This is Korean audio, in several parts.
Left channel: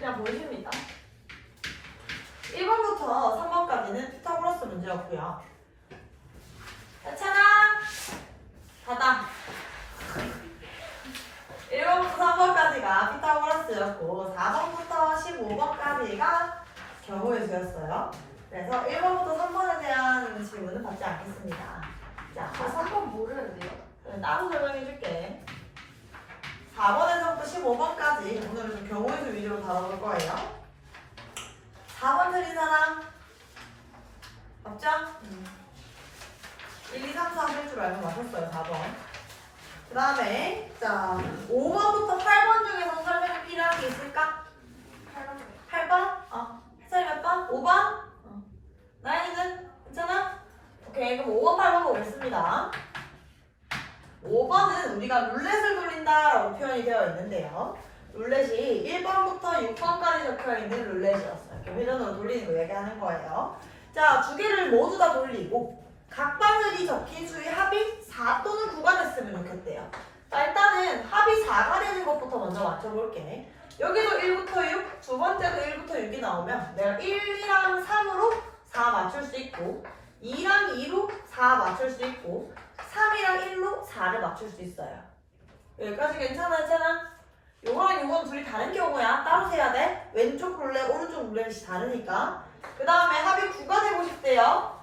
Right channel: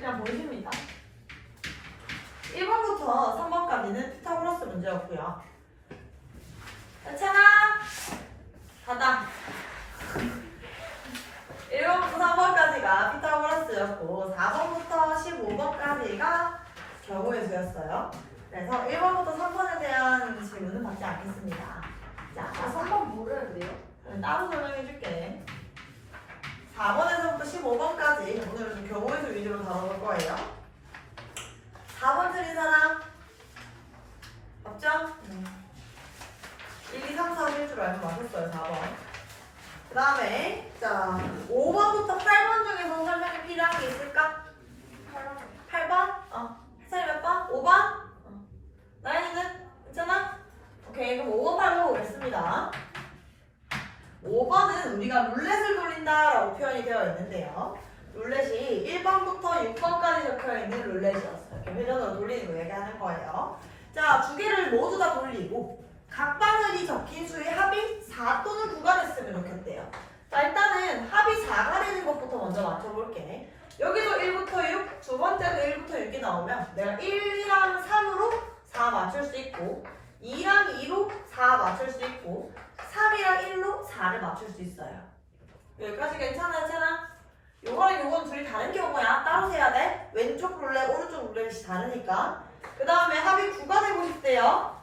그냥 보여줍니다. 1번부터 3번까지는 피타고라스 문제였고요. 괜찮아? 닫아. 1번부터 3번까지가 피타고라스였고 4번부터 15번까지가 경우의 수였어요. 그래서 1번부터 3번에 대한 질문은 받지 않겠습니다. 자, 3번 뭐래야 돼요? 따로 설명해줄게. 4번에서부터 15번까지 오늘은 좀 경우의 수 위주로 다뤄볼 거예요. 4번 틀린 사람? 없죠? 1, 2, 3, 4 할 줄 알고 맞췄어요, 4번. 그 다음에, 자, 5번부터 8번 중에서 설명이 필요한 게 있을까? 8번? 해설이 몇 번? 5번? 나연이는? 괜찮아? 오케이, 그럼 5번, 8번 보겠습니다. 5번은 우리가 룰렛을 돌린다라고 표현이 되어 있는데요. 룰렛이 1번부터 6번까지 적혀있는 룰렛이었어요. 이렇게 회전으로 돌리는 거 얘기하는 거예요. 자, 두 개를 모두 다 돌리고 각 바늘이 적힌 수의 합이 4 또는 9가 됐으면 좋겠대요. 자, 일단은 합이 4가 되는 것부터 먼저 맞춰볼게. 여기도 1부터 6, 두 번째도 1부터 6이 나오면 내가 1이랑 3으로 4 맞출 수 있고 2랑 2로 4 맞출 수 있고 3이랑 1로 4를 맞출 수 있어요. 여기까지 괜찮아? 요거랑 요건 둘이 다른 경우야. 따로 세야 돼. 왼쪽 룰렛, 오른쪽 룰렛이 다르니까. 그 다음에 합이 9가 되고 싶대요.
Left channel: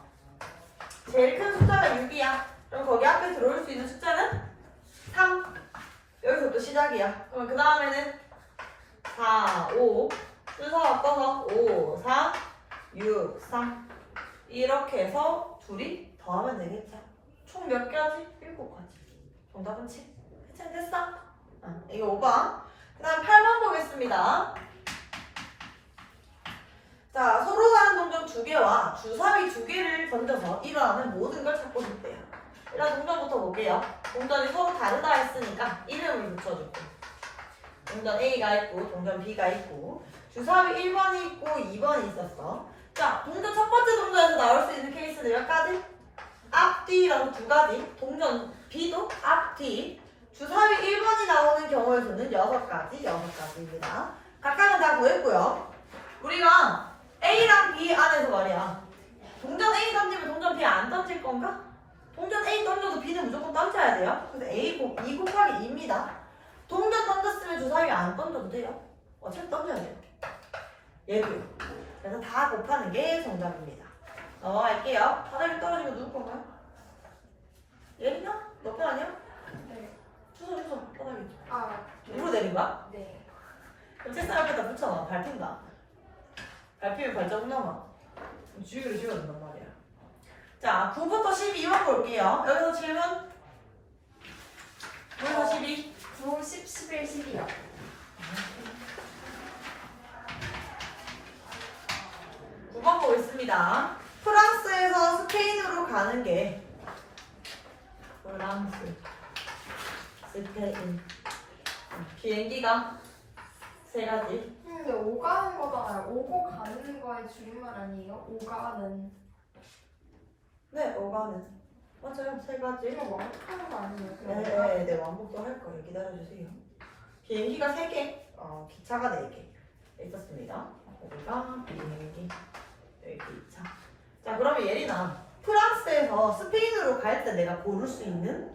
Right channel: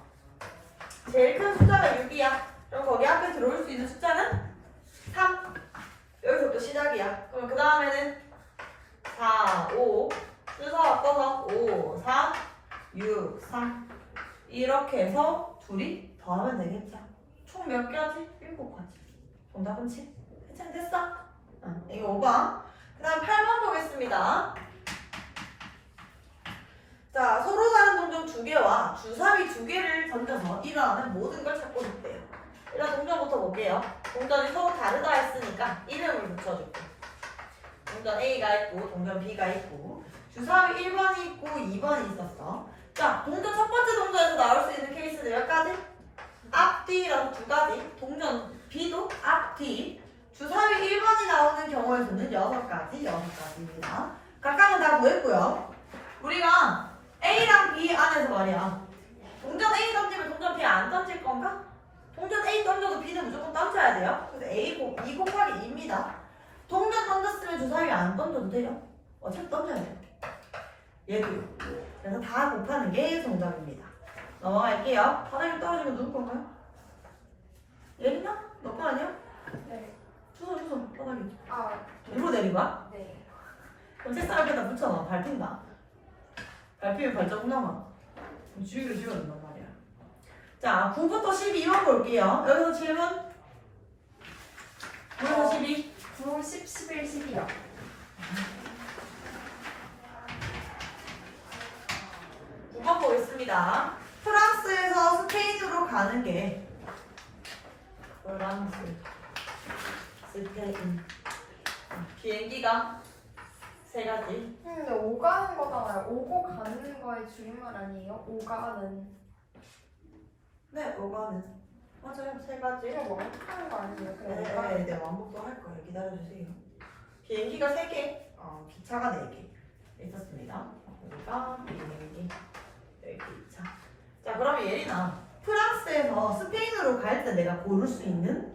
제일 큰 숫자가 6이야. 그럼 거기 앞에 들어올 수 있는 숫자는 3. 여기서부터 시작이야. 그럼 그 다음에는 4, 5. 순서 바꿔서 5, 4, 6, 3. 이렇게 해서 둘이 더하면 되겠죠. 총 몇 개하지? 7가지. 정답은 7. 됐어? 이거 5번. 그 다음 8번 보겠습니다. 자, 서로 다른 동전 2개와 주사위 2개를 던져서 일어나는 모든 걸 찾고 싶대요. 일단 동전부터 볼게요. 동전이 서로 다르다 했으니까 이름을 붙여줄게. 동전 A가 있고 동전 B가 있고 주사위 1번이 있고 2번이 있었어. 자, 동전 첫 번째 동전에서 나올 수 있는 케이스는 몇 가지? 앞뒤라고 2가지. 동전 B도 앞뒤. 주사위 1번이 나오는 경우의 수는 6가지입니다. 각각은 다 구했고요. 우리가 A랑 B 안에서 말이야. 동전 A 던지면 동전 B 안 던질 건가? 동전 A 던져도 B는 무조건 던져야 돼요. 그래서 2 곱하기 2입니다. 동전 던졌으면 주사위 안 던져도 돼요. 어차피 던져야 돼요. 얘도요. 그래서 다 곱하는 게 정답입니다. 넘어갈게요. 바닥에 떨어지면 누구 건가요? 예린아? 너 거 아니야? 네. 주소 바닥에. 누구 누로 내린 거야? 네. 그럼 책상 옆에다 붙여놔. 밟힌다. 밟히면 발자국 남아. 주의를 지워야 된단 말이야. 자, 9부터 12번 볼게요. 여기서 질문. 9에서 12. 9, 10, 11, 12요. 9번 보겠습니다. 프랑스에서 스페인으로 가는 게 프랑스, 스페인. 비행기가 3가지. 근데 오가는 거잖아요. 오고 가는 거의 줄임말 아니에요? 오가는. 네, 오가는. 맞아요. 3가지. 이거 완벽하는 거 아니에요? 네, 완복도 할 거예요. 기다려주세요. 비행기가 3개, 기차가 4개 있었습니다. 여기가 비행기, 여기 기차. 자, 그러면 예린아, 프랑스에서 스페인으로 갈 때 내가 고를 수 있는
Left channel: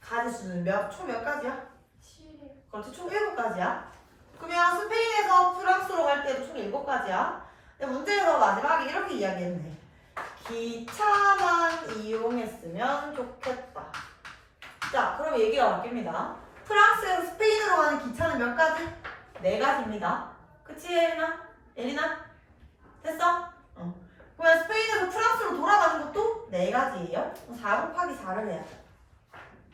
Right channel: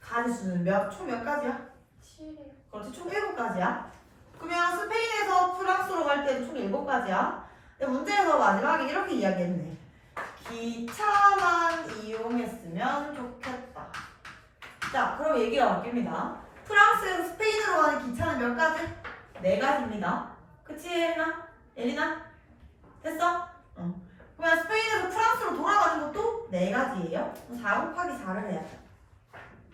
가지수는 총 몇 가지야? 7이요. 그렇지, 총 7가지야. 그러면 스페인에서 프랑스로 갈 때도 총 7가지야. 근데 문제에서 마지막에 이렇게 이야기했네. 기차만 이용했으면 좋겠다. 자, 그럼 얘기가 바뀝니다. 프랑스에서 스페인으로 가는 기차는 몇 가지? 4가지입니다. 그치, 예린아? 됐어? 그러면 스페인에서 프랑스로 돌아가는 것도 4가지예요. 4 곱하기 4를 해야 돼.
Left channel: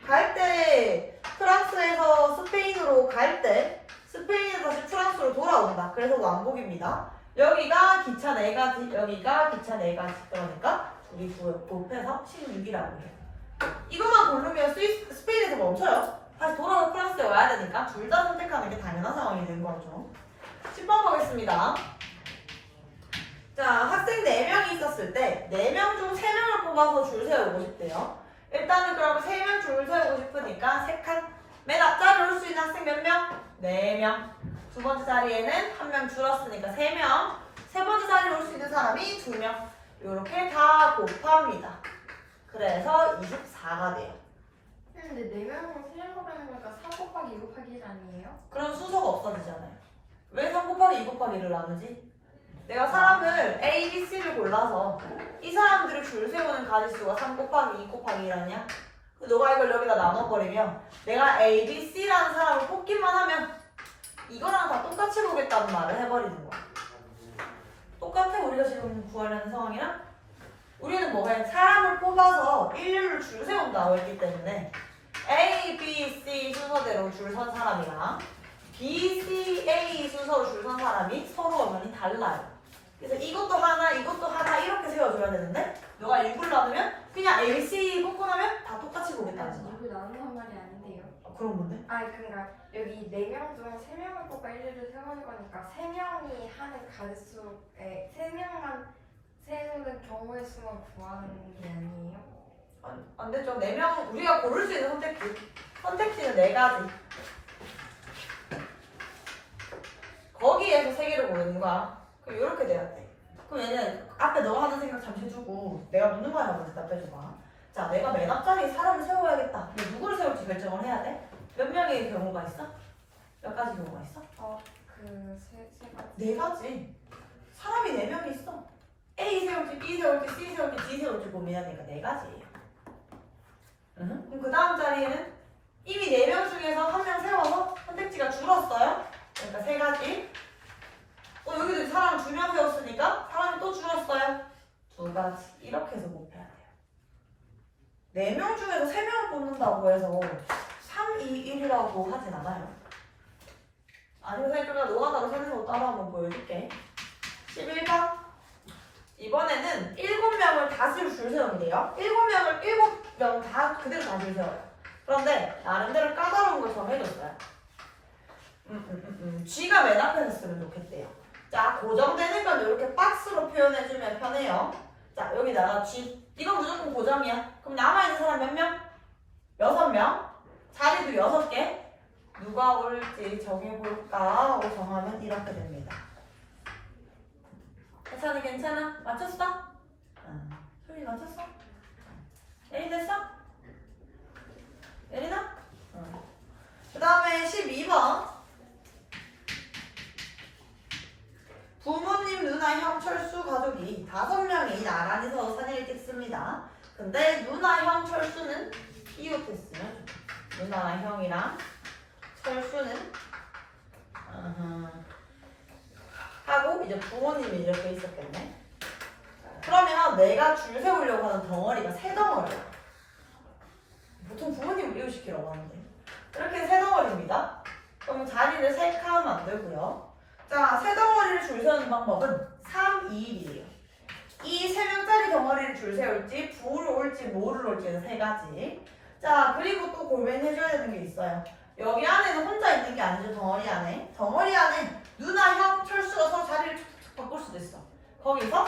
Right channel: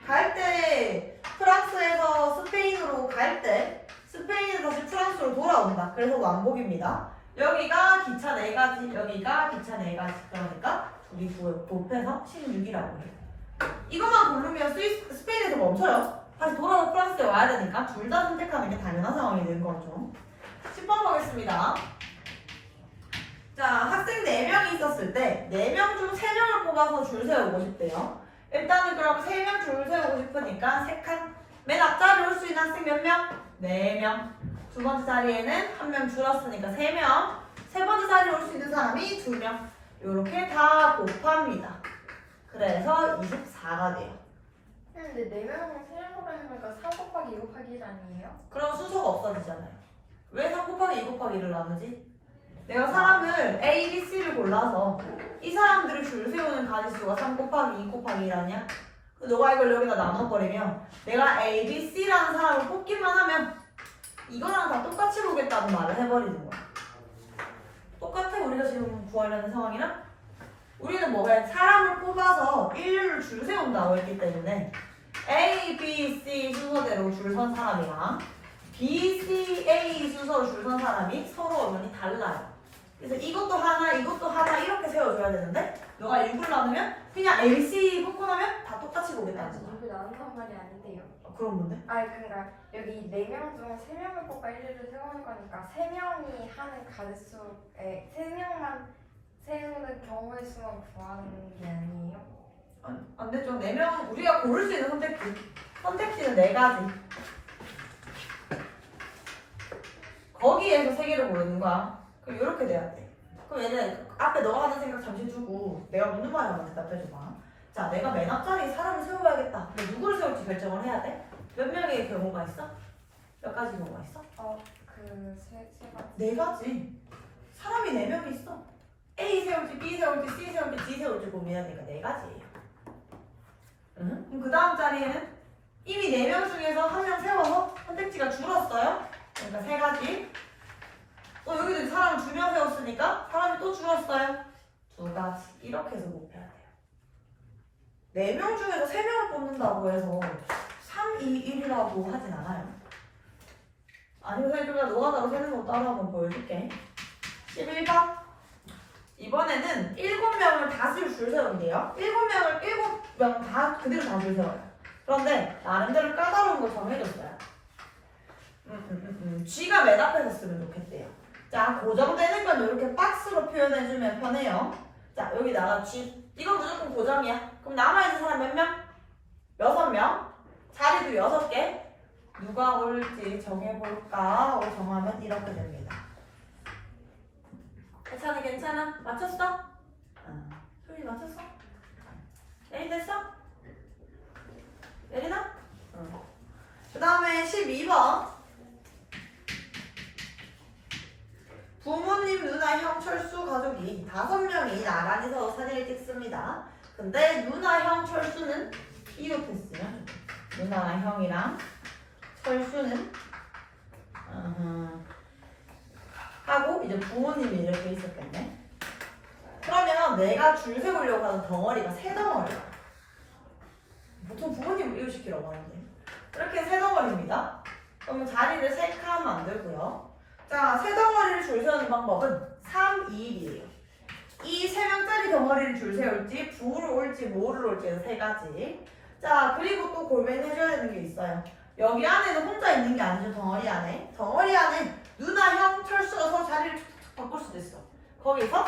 갈 때 프랑스에서 스페인으로 갈 때 스페인에서 다시 프랑스로 돌아온다. 그래서 왕복입니다. 여기가 기차 4가지, 여기가 기차 4가지. 그러니까 우리 곱해서 16이라고 해요. 이것만 고르면 스페인에서 멈춰요. 다시 돌아서 프랑스에 와야 되니까 둘 다 선택하는 게 당연한 상황이 되는 거죠. 10번 보겠습니다. 자, 학생 4명이 있었을 때 4명 중 3명을 뽑아서 줄 세우고 싶대요. 일단은 그럼 3명 줄 세우고 싶으니까 3칸. 맨 앞자리에 올 수 있는 학생 몇 명? 4명. 두 번째 자리에는 한 명 줄었으니까 3명. 세 번째 자리에 올 수 있는 사람이 2명. 이렇게 다 곱합니다. 그래서 24가 돼요. 근데 4명은 3명 곱하는 거니까 4 곱하기 2 곱하기 1 아니에요? 그럼 수소가 없어지잖아요. 왜 3 곱하기 2 곱하기 1을 나누지? 내가 사람을 A, B, C를 골라서 이 사람들을 줄 세우는 가지수가 3 곱하기 2 곱하기 1 아니야? 너가 이걸 여기다 나눠버리면 내가 A, B, C라는 사람을 뽑기만 하면 이거랑 다 똑같이 보겠다는 말을 해버리는 거야. 똑같아 우리가 지금 구하려는 상황이랑? 우리는 뭐가 사람을 뽑아서 일률을 줄 세운다고 했기 때문에 A, B, C 순서대로 줄 선 사람이랑 B, C, A 순서로 줄 선 사람이 서로 많이 달라요. 그래서 이것도 하나 이렇게 세워줘야 되는데 너가 일부를 나누면 그냥 A, B, C 뽑고 나면 다 똑같이 보겠다는 거야. 이거 나눈 말이 아닌데요. 그럼 뭔데? 아니 그러니까 여기 4명 중 3명을 뽑아 1위를 세우는 거니까 3명이 하는 가지수에 3명만 세우는 경우의 수만 구하는 게 아니에요? 안 되죠. 4명 우리가 고를 수 있는 선택지는 4가지. 거기에서 3개를 고르는 거야. 그럼 이렇게 돼야 돼. 그럼 얘는 앞에 너가 하는 생각 잠시 두고 내가 묻는 거에 한번 대답해줘봐. 자, 내가 맨 앞자리에 사람을 세워야겠다. 근데 누구를 세울지 결정을 해야 돼? 몇 명의 경우가 있어? 몇 가지 경우가 있어? 세 가지. 4가지. 사람이 4명이 있어. A 세울지, B 세울지, C 세울지, D 세울지 고민해야 되니까 4가지예요. 응? 그럼 그 다음 자리에는 이미 4명 중에서 한 명 세워서 선택지가 줄었어요. 그러니까 3가지. 여기도 사람 2명 세웠으니까 사람이 또 줄었어요. 2가지. 이렇게 해서 곱해야 돼요. 4명 중에서 3명을 뽑는다고 해서 3, 2, 1이라고 하진 않아요. 아니면 선생님 좀 노가다로 세는 거 따라 한번 보여줄게. 11번. 이번에는 7명을 다시 줄 세우는데요. 7명 다 그대로 다 줄 세워요. 그런데 나름대로 까다로운 걸 정해줬어요. G가 맨 앞에 섰으면 좋겠대요. 자, 고정되는 건 이렇게 박스로 표현해주면 편해요. 자, 여기다가 G. 이건 무조건 고정이야. 그럼 남아있는 사람 몇 명? 6명. 자리도 6개. 누가 올지 정해볼까 하고 정하면 이렇게 됩니다. 괜찮아? 맞췄어? 소리 맞췄어? 예린 됐어? 예린아? 그 다음에 12번. 부모님, 누나, 형, 철수 가족이 5명이 나란히 서서 사진을 찍습니다. 근데 누나, 형, 철수는 이웃했으면 좋겠어. 누나나 형이랑 철수는 하고 이제 부모님이 이렇게 있었겠네. 그러면 내가 줄 세우려고 하는 덩어리가 3덩어리야. 보통 부모님을 이웃시키라고 하는데 이렇게 3덩어리입니다. 그럼 자리를 셀카하면 안 되고요. 자, 3덩어리를 줄 세우는 방법은 3, 2, 1이에요. 이 3명짜리 덩어리를 줄 세울지 부를 올지 모를 올지는 3가지. 자, 그리고 또 고민해줘야 되는 게 있어요. 여기 안에는 혼자 있는 게 아니죠. 덩어리 안에. 덩어리 안에 누나, 형, 철수가 서로 자리를 툭툭 바꿀 수도 있어. 거기서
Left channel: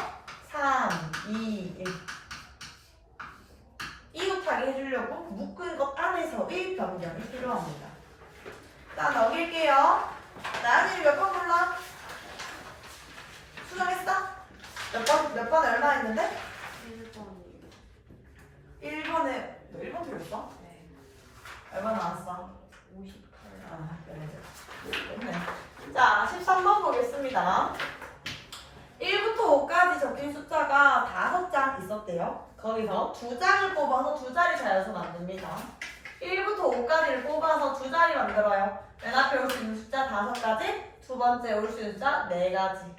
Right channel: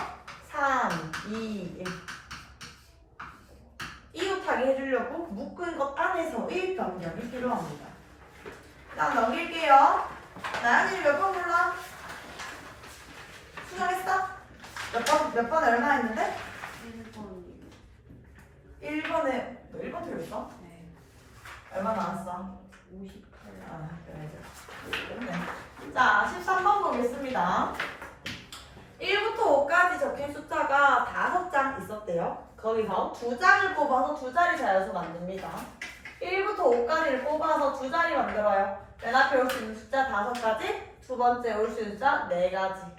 3, 2, 1 이웃하게 해주려고 묶은 것 안에서의 변경이 필요합니다. 자, 넘길게요. 나연이 몇 번 골라? 수정했어? 몇 번 얼마 했는데? 1번에 너 1번 틀렸어? 네. 얼마 나왔어? 58. 끝내. 자, 13번 보겠습니다. 1부터 5까지 적힌 숫자가 5장 있었대요. 거기서 2장을 뽑아서 2자리 자연수 만듭니다. 1부터 5까지를 뽑아서 2자리 만들어요. 맨 앞에 올 수 있는 숫자 5가지, 두 번째 올 수 있는 숫자 4가지.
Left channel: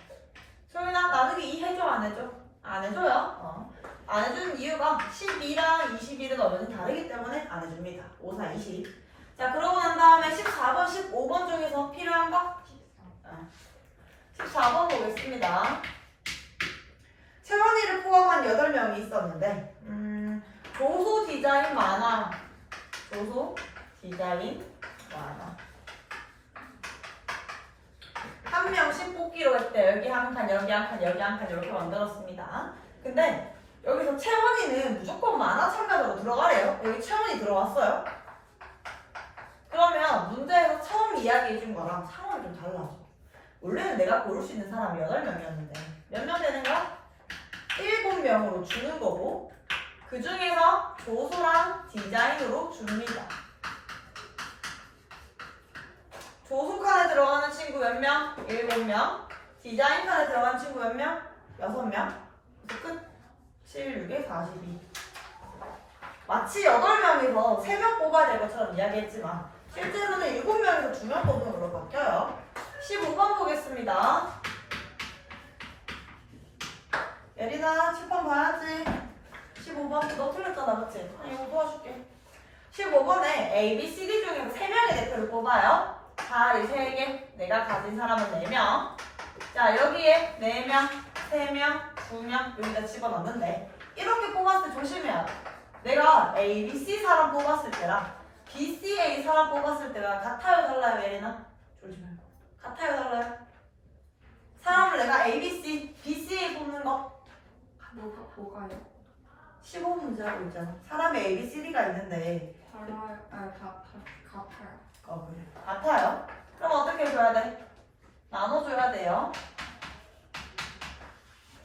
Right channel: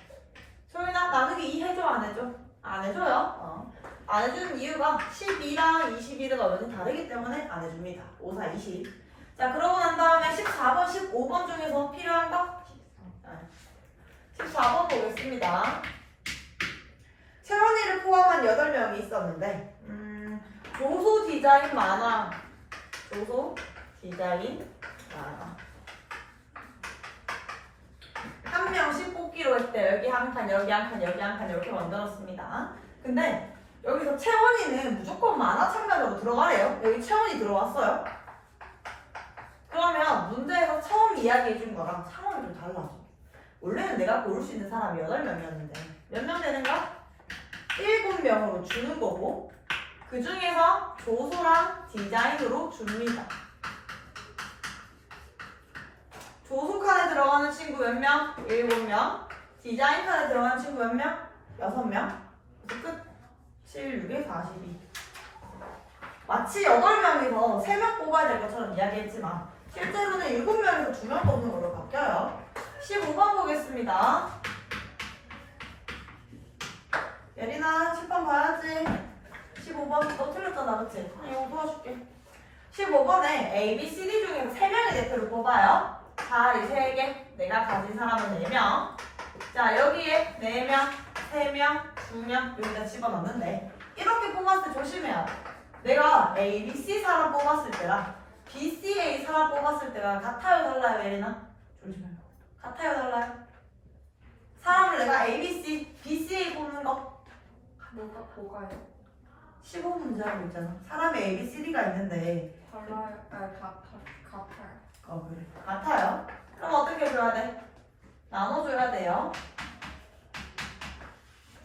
소윤아, 나누기 2 해줘, 안 해줘? 안 해줘요. 안 해주는 이유가 12랑 21은 어머니 다르기 때문에 안 해줍니다. 5, 4, 20. 자, 그러고 난 다음에 14번, 15번 중에서 필요한 거? 14번 보겠습니다. 채원이를 포함한 8명이 있었는데 조소 디자인 만화. 조소 디자인 만화. 한 명씩 뽑기로 했대. 여기 한 칸, 여기 한 칸, 여기 한 칸 이렇게 만들었습니다. 근데 여기서 채원이는 무조건 만화 참가자로 들어가래요. 여기 채원이 들어왔어요. 그럼 그러면 문제에서 처음 이야기해 준 거랑 상황이 좀 달라져. 원래는 내가 고를 수 있는 사람이 8명이었는데 몇 명 되는가? 7명으로 주는 거고 그 중에서 조소랑 디자인으로 줍니다. 조소 칸에 들어가는 친구 몇 명? 7명. 디자인 칸에 들어가는 친구 몇 명? 6명. 그래서 끝. 7, 6에 42. 마치 8명에서 3명 뽑아야 될 것처럼 이야기했지만 실제로는 7명에서 2명 뽑는 걸로 바뀌어요. 15번 보겠습니다. 예린아 칠판 봐야지. 15번 너 틀렸잖아 그치? 이거 도와줄게. 15번에 A, B, C, D 중에서 3명의 대표를 뽑아요. 자리 3개, 내가 가진 사람은 4명. 자 여기에 4명, 3명, 2명 여기다 집어넣는데 이렇게 뽑았을 때 조심해야 돼. 내가 A, B, C 사람 뽑았을 때랑 B, C, A 사람 뽑았을 때가 같아요 달라요 예린아? 조심해. 같아요 달라요? 사람을 내가 A, B, C, B, C, A 뽑는 거 뭐가요? 15문제 하고 있잖아. 사람의 A, B, C, D가 있는데 달라요? 같아요. 그래. 같아요? 그럼 어떻게 줘야 돼? 나눠줘야 돼요.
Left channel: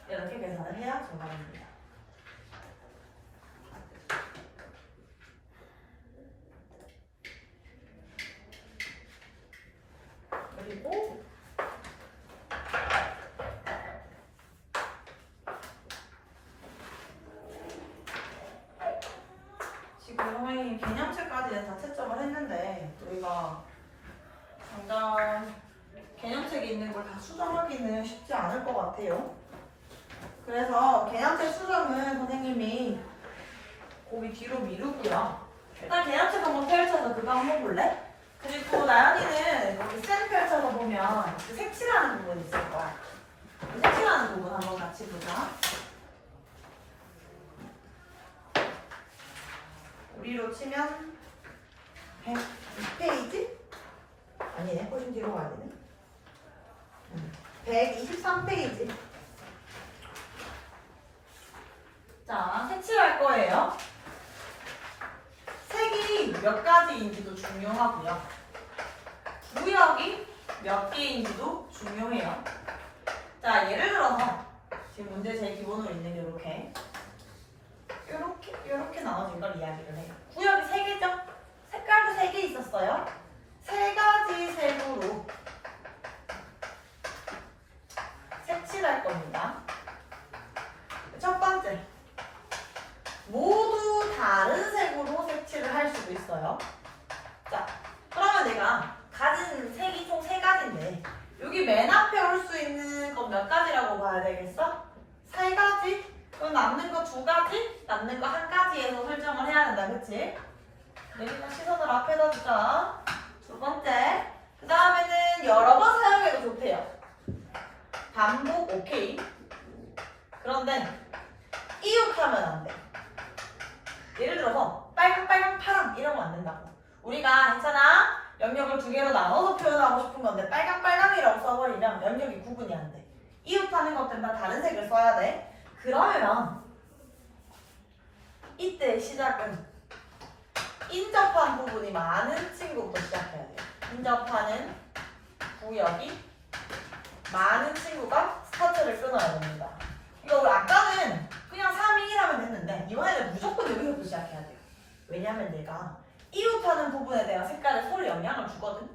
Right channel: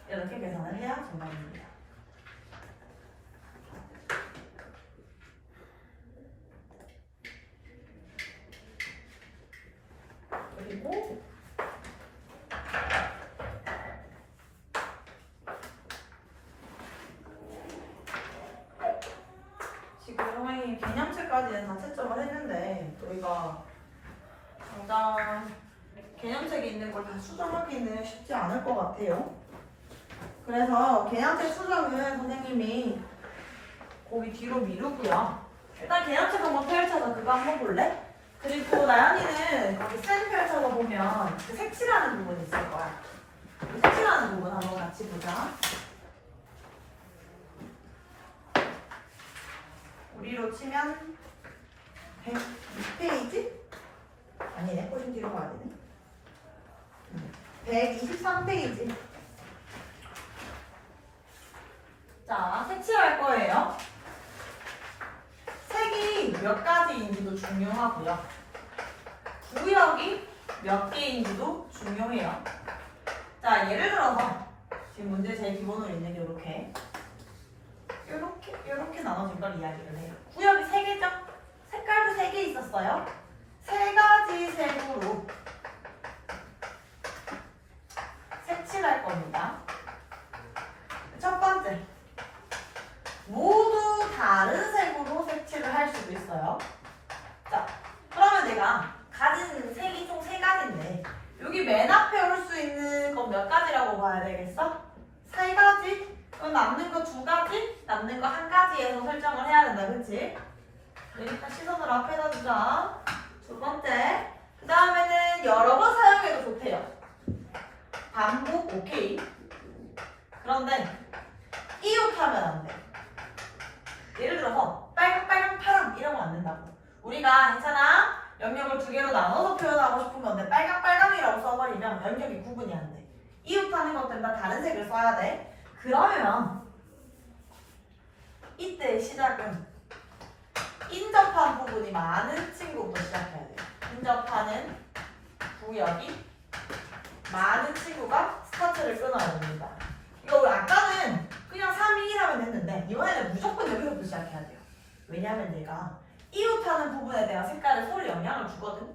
이렇게 계산을 해야 정답입니다. 그리고 지금 선생님이 개념책까지는 다 채점을 했는데 우리가 당장 개념책에 있는 걸 다 수정하기는 쉽지 않을 것 같아요. 그래서 개념책 수정은 선생님이 거기 뒤로 미루고요. 일단 개념책 한번 펼쳐서 그거 한번 볼래? 그리고 나연이는 거기 쌤 펼쳐서 보면 그 색칠하는 부분이 있을 거야. 그 색칠하는 부분 한번 같이 보자. 우리로 치면 106페이지? 아니네, 훨씬 뒤로 가야 되네. 123페이지. 자, 색칠할 거예요. 색이 몇 가지인지도 중요하고요. 구역이 몇 개인지도 중요해요. 자, 예를 들어서 지금 문제 제일 기본으로 있는 게 이렇게 나눠진 걸 이야기를 해요. 구역이 3개죠? 색깔도 3개 있었어요. 3가지 색으로 색칠할 겁니다. 첫 번째, 모두 다른 색으로 색칠을 할 수도 있어요. 자, 그러면 내가 가진 색이 총 3가지인데 여기 맨 앞에 올 수 있는 건 몇 가지라고 봐야 되겠어? 3가지? 그럼 남는 거 2가지? 남는 거 1가지에서 설정을 해야 된다, 그치? 일단 시선을 앞에다 두자. 두 번째, 그 다음에는 여러 번 사용해도 좋대요. 반복 오케이. 그런데 이웃하면 안 돼. 예를 들어서 빨강, 빨강, 파랑 이런 거 안 된다고. 우리가 괜찮아? 영역을 2개로 나눠서 표현하고 싶은 건데 빨강, 빨강이라고 써버리면 영역이 구분이 안 돼. 이웃하는 것들은 다 다른 색을 써야 돼. 그러면 이때 시작은 인접한 부분이 많은 친구부터 시작해야 돼요. 인접하는 구역이 많은 친구가 스타트를 끊어야 됩니다. 이거 우리 아까는 그냥 3이라면 됐는데 이번에는 무조건 여기서부터 시작해야 돼요. 왜냐면 얘가 이웃하는 부분에 대한 색깔에 서로 영향을 주거든.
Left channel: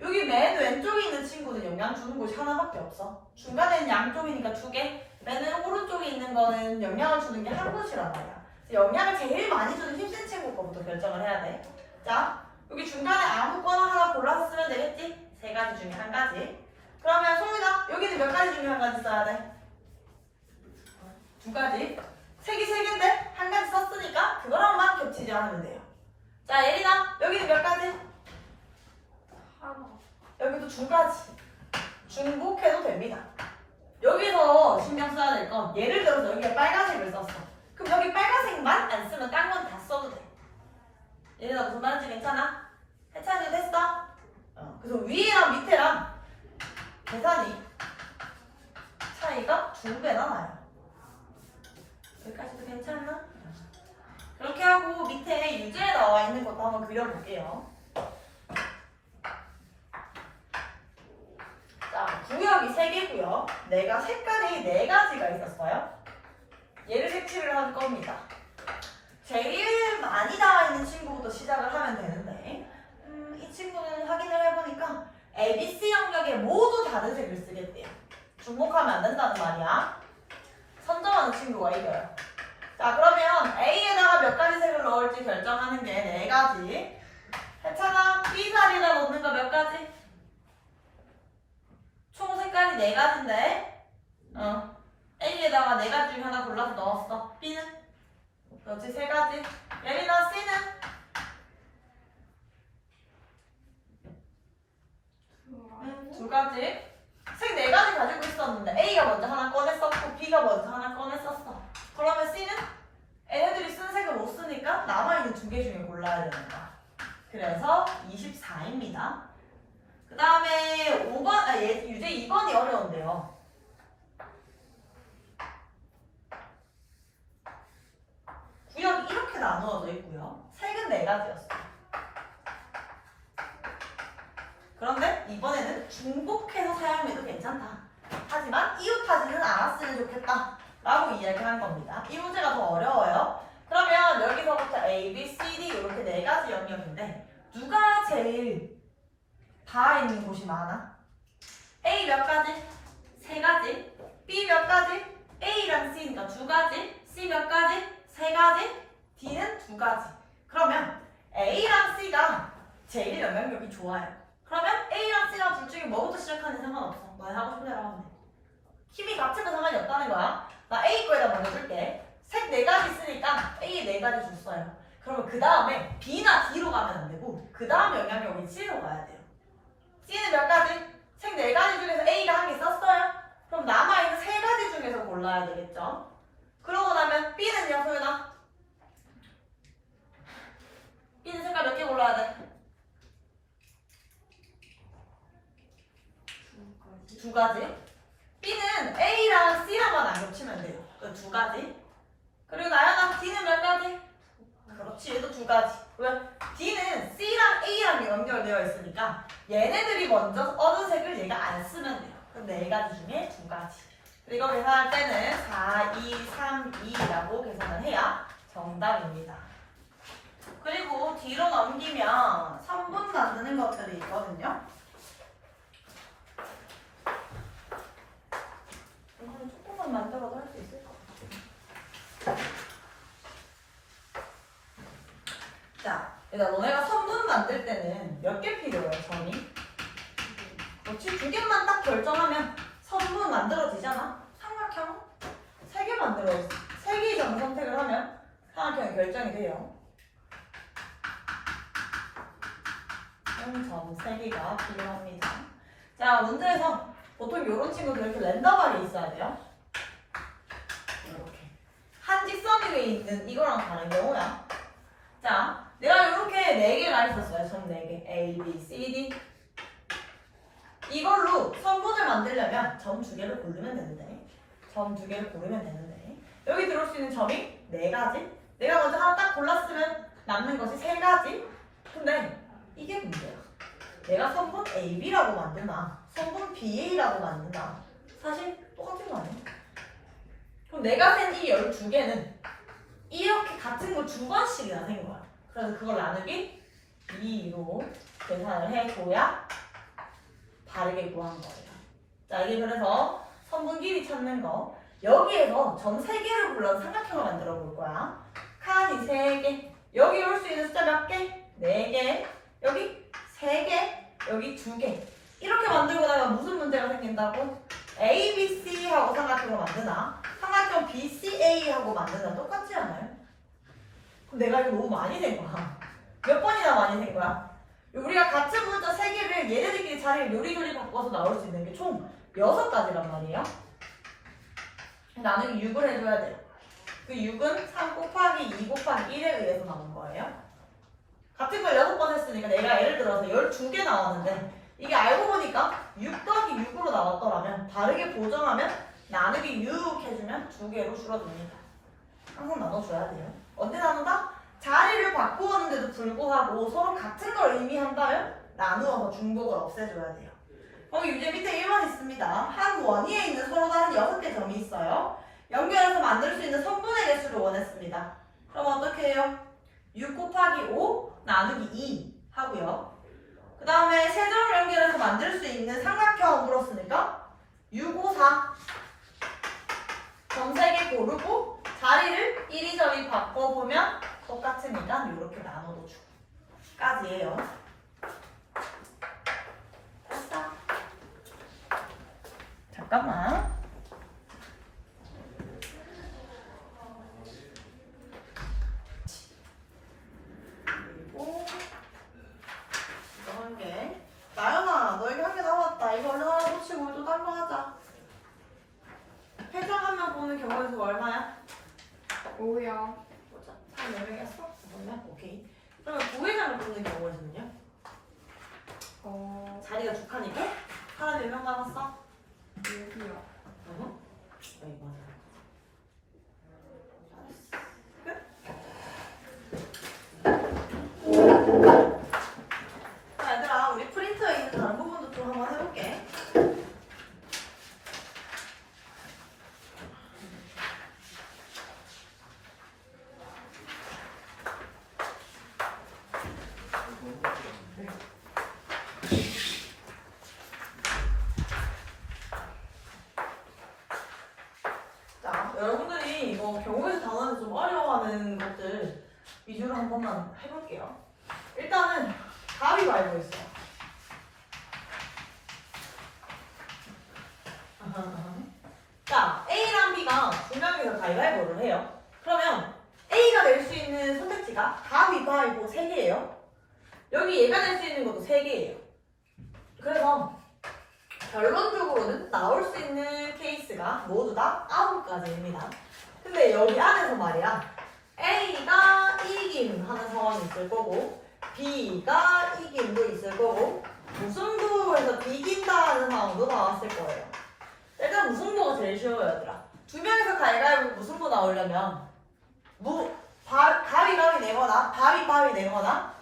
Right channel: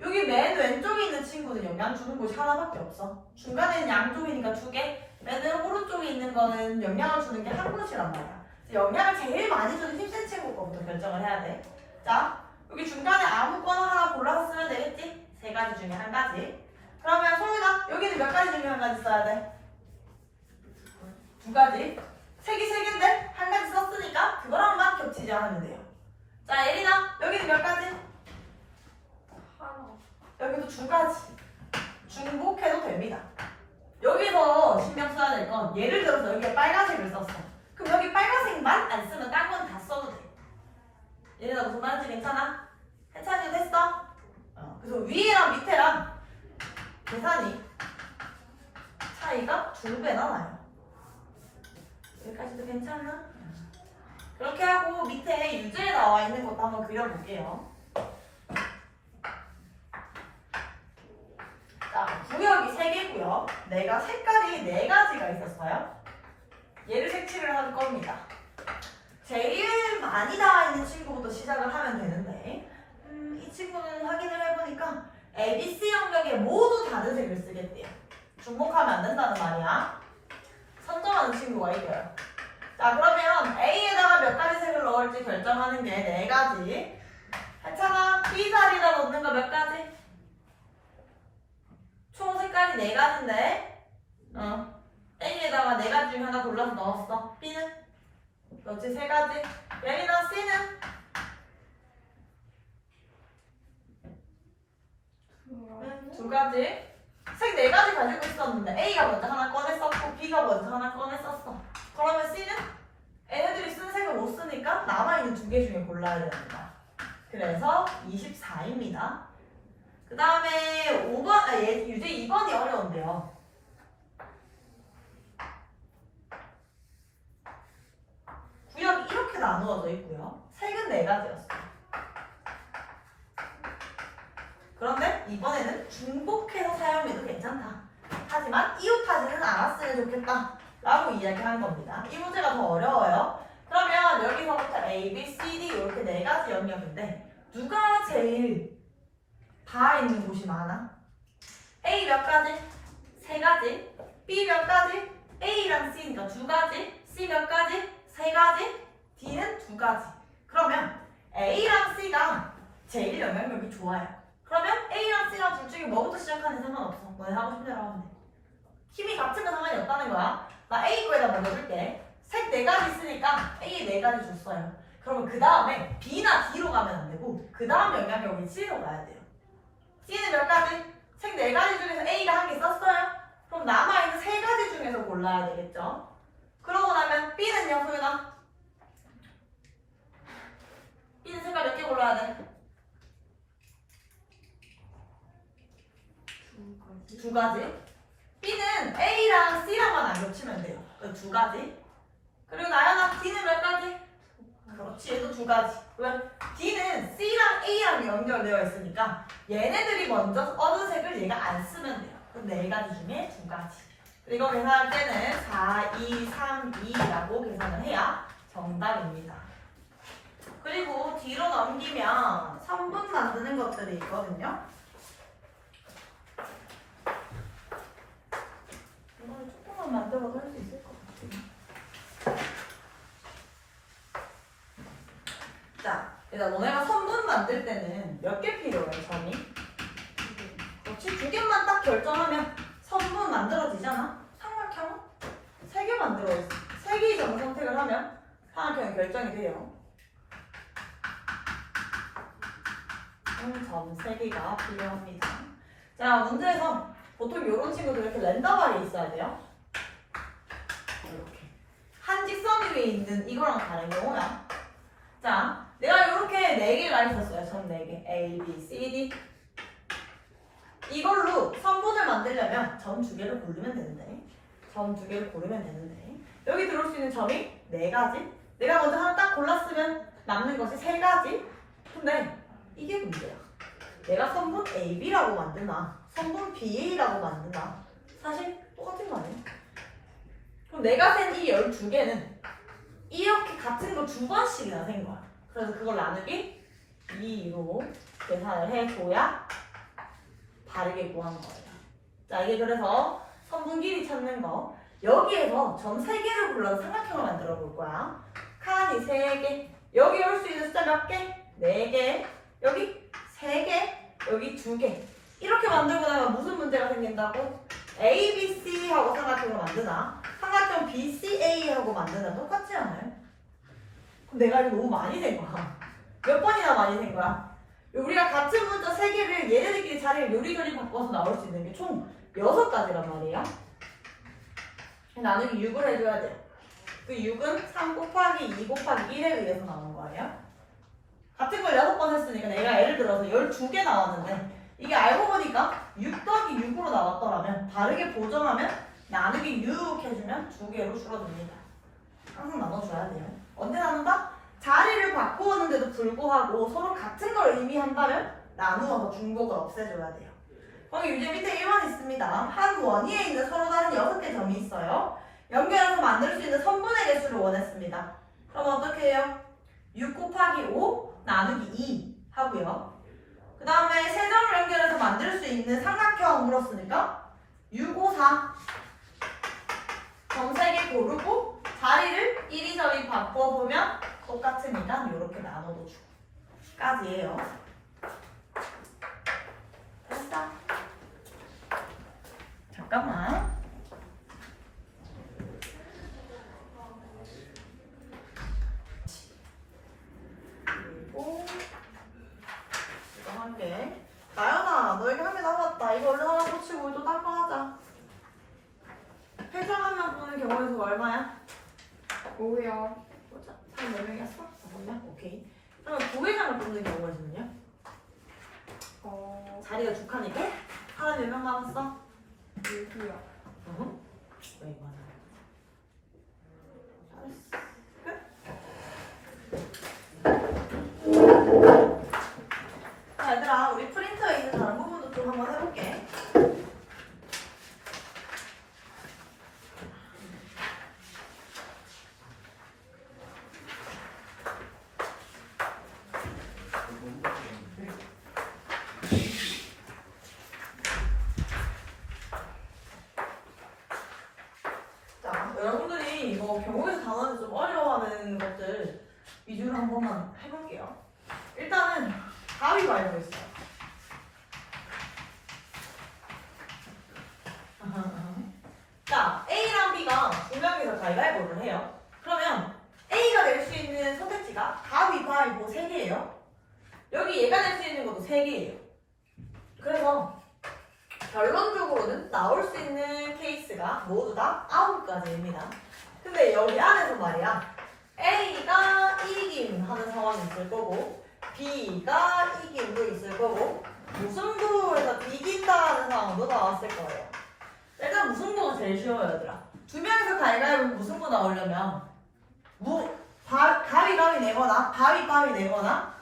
여기 맨 왼쪽에 있는 친구는 영향 주는 곳이 하나밖에 없어. 중간에는 양쪽이니까 2개. 맨 오른쪽에 있는 거는 영향을 주는 게 한 곳이란 말이야. 영향을 제일 많이 주는 힘센 친구 거부터 결정을 해야 돼. 자, 여기 중간에 아무거나 하나 골라서 쓰면 되겠지? 3가지 중에 1가지. 그러면 소유다. 여기는 몇 가지 중에 1가지 써야 돼? 2가지. 색이 3개인데 1가지 썼으니까 그거랑만 겹치지 않으면 돼요. 자, 예린아. 여기는 몇 가지? 하나. 여기도 2가지. 중복해도 됩니다. 여기서 신경 써야 될 건 예를 들어서 여기에 빨간색을 썼어. 그럼 여기 빨간색만 안 쓰면 딴 건 다 써도 돼. 얘네가 무슨 말인지 괜찮아? 해찬이 됐어? 그래서 위에랑 밑에랑 계산이 차이가 2배나 나요. 여기까지도 괜찮나? 그렇게 하고 밑에 유제에 나와 있는 것도 한번 그려볼게요. 구역이 3개고요. 내가 색깔이 4가지가 있었어요. 얘를 색칠을 할 겁니다. 제일 많이 나와 있는 친구부터 시작을 하면 되는데 이 친구는 확인을 해보니까 ABC 영역에 모두 다른 색을 쓰겠대요. 중복하면 안 된다는 말이야. 선정하는 친구가 이겨요. 자, 그러면 A에다가 몇 가지 색을 넣을지 결정하는 게 4가지. 괜찮아? B 자리에다 넣는 거 몇 가지? 총 색깔이 4가지인데 A에다가 4가지 중에 하나 골라서 넣었어. B는? 그렇지, 3가지. 예린아, C는? 응, 2가지. 색 4가지 가지고 있었는데 A가 먼저 하나 꺼냈었고 B가 먼저 하나 꺼냈었어. 그러면 C는? 얘네들이 쓴 색을 못 쓰니까 남아있는 2개 중에 골라야 되는 거야. 그래서 24입니다. 그 다음에 5번, 유제 2번이 어려운데요. 구역이 이렇게 나누어져 있고요. 색은 4가지였어요. 그런데 이번에는 중복해서 사용해도 괜찮다. 하지만 이웃하지는 않았으면 좋겠다 라고 이야기한 겁니다. 이 문제가 더 어려워요. 그러면 여기서부터 A, B, C, D 이렇게 4가지 영역인데 누가 제일 다 있는 곳이 많아? A 몇 가지? 3가지. B 몇 가지? A랑 C니까 2가지. C 몇 가지? 3가지. D는 2가지. 그러면 A랑 C가 제일 영향력이 좋아요. 그러면 A랑 C랑 둘 중에 뭐부터 시작하는 상관없어. 너네 하고 싶은 대로 하면 돼. 힘이 같은 건 상관이 없다는 거야. 나 A 거에다 먼저 줄게. 색 4가지 있으니까 A에 4가지 줬어요. 그러면 그 다음에 B나 D로 가면 안 되고 그 다음에 영향력이 C로 가야 돼요. C는 몇 가지? 색 4가지 중에서 A가 한 개 썼어요? 그럼 남아있는 3가지 중에서 골라야 되겠죠? 그러고 나면 B는요, 소윤아? B는 색깔 몇 개 골라야 돼? 2가지. B는 A랑 C랑만 안 겹치면 돼요. 2가지. 그리고 나연아, D는 몇 가지? 그렇지, 얘도 2가지. 왜? D는 C랑 A랑 연결되어 있으니까 얘네들이 먼저 얻은 색을 얘가 안 쓰면 돼요. 그럼 4가지 중에 2가지. 그리고 계산할 때는 4, 2, 3, 2라고 계산을 해야 정답입니다. 그리고 뒤로 넘기면 성분 만드는 것들이 있거든요. 이거는 조금만 만들어도 할 수 있을 것 같아. 자, 일단 너네가 성분 만들 때는 몇 개 필요해, 점이? 그렇지, 2개만 딱 결정하면 성분 만들어지잖아? 삼각형은 3개 만들어있어. 3개 이상 선택을 하면 삼각형이 결정이 돼요. 점 3개가 필요합니다. 자, 문제에서 보통 이런 친구들 이렇게 랜덤하게 있어야 돼요. 이렇게. 한 직선 위에 있는 이거랑 다른 경우야. 자, 내가 이렇게 4개가 있었어요. 점 4개. A, B, C, D. 이걸로 성분을 만들려면 점 2개를 고르면 되는데 점 2개를 고르면 되는데 여기 들어올 수 있는 점이 4가지. 내가 먼저 하나 딱 골랐으면 남는 것이 3가지. 근데 이게 문제야. 내가 성분 AB라고 만드나 성분 BA라고 만드나 사실 똑같은 거 아니야? 그럼 내가 센 이 12개는 이렇게 같은 거 2번씩이나 센 거야. 그래서 그걸 나누기 2로 계산을 해줘야 다르게 구한 거예요. 자, 이게 그래서 성분 길이 찾는 거. 여기에서 점 3개를 불러서 삼각형을 만들어 볼 거야. 칸이 3개. 여기 올 수 있는 숫자 몇 개? 4개. 여기 3개. 여기 2개. 이렇게 만들고 나면 무슨 문제가 생긴다고? A, B, C 하고 삼각형을 만드나? 삼각형 B, C, A 하고 만드나? 똑같지 않아요? 그럼 내가 이거 너무 많이 된 거야. 몇 번이나 많이 된 거야? 우리가 같은 문자 3개를 얘네들끼리 자리를 요리조리 바꿔서 나올 수 있는 게 총 6가지란 말이에요. 나누기 6을 해줘야 돼요. 그 6은 3 곱하기 2 곱하기 1에 의해서 나오는 거예요. 같은 걸 6번 했으니까 내가 예를 들어서 12개 나왔는데 이게 알고 보니까 6 더하기 6으로 나왔더라면 다르게 보정하면 나누기 6 해주면 2개로 줄어듭니다. 항상 나눠줘야 돼요. 언제 나눈다? 자리를 바꾸었는데도 불구하고 서로 같은 걸 의미한다면 나누어서 중복을 없애줘야 돼요. 거기 유제 밑에 1번 있습니다. 봅시다. 한 원위에 있는 서로 다른 6개 점이 있어요. 연결해서 만들 수 있는 선분의 개수를 원했습니다. 그럼 어떻게 해요? 6 곱하기 5 나누기 2 하고요. 그 다음에 세 점을 연결해서 만들 수 있는 삼각형 물었으니까 6, 5, 4 점 3개 고르고 자리를 이리저리 바꿔보면 똑같으니까 이렇게 나눠도 주고 까지예요. 됐어. 잠깐만. 그리고 이거 한 개. 나연아, 너에게 한 개 남았다. 이거 얼른 하나 붙이고 또 딴 거 하자. 회장 한 명 보는 경우에서 얼마야? 5요. 보자. 3명이었어? 몰라? 오케이. 그러면 부회장을 뽑는 경우에는요? 자리가 두 칸이고 사람 몇 명 남았어? 6이요. 왜 이거 하나? 잘했어. 끝. 자, 얘들아, 우리 프린터에 있는 다른 부분도 좀 한번 해볼게. 자, 여러분들이 이거 경우에서 단어를 좀 어려워하는 것들 위주로 한 번만 해볼게요. 일단은 가위바위보 있어요. 자, A랑 B가 두 명이서 가위바위보를 해요. 그러면 A가 낼 수 있는 선택지가 가위바위보 3개예요. 여기 얘가 낼 수 있는 것도 3개예요. 그래서 결론적으로는 나올 수 있는 케이스가 모두 다 9가지입니다. 근데 여기 안에서 말이야, A가 이김 하는 상황이 있을 거고 B가 이김도 있을 거고 무승부에서 비긴다는 상황도 나왔을 거예요. 일단 무승부가 제일 쉬워요, 얘들아. 두 명이서 가위바위보 무승부 나오려면 가위바위 내거나 바위바위 내거나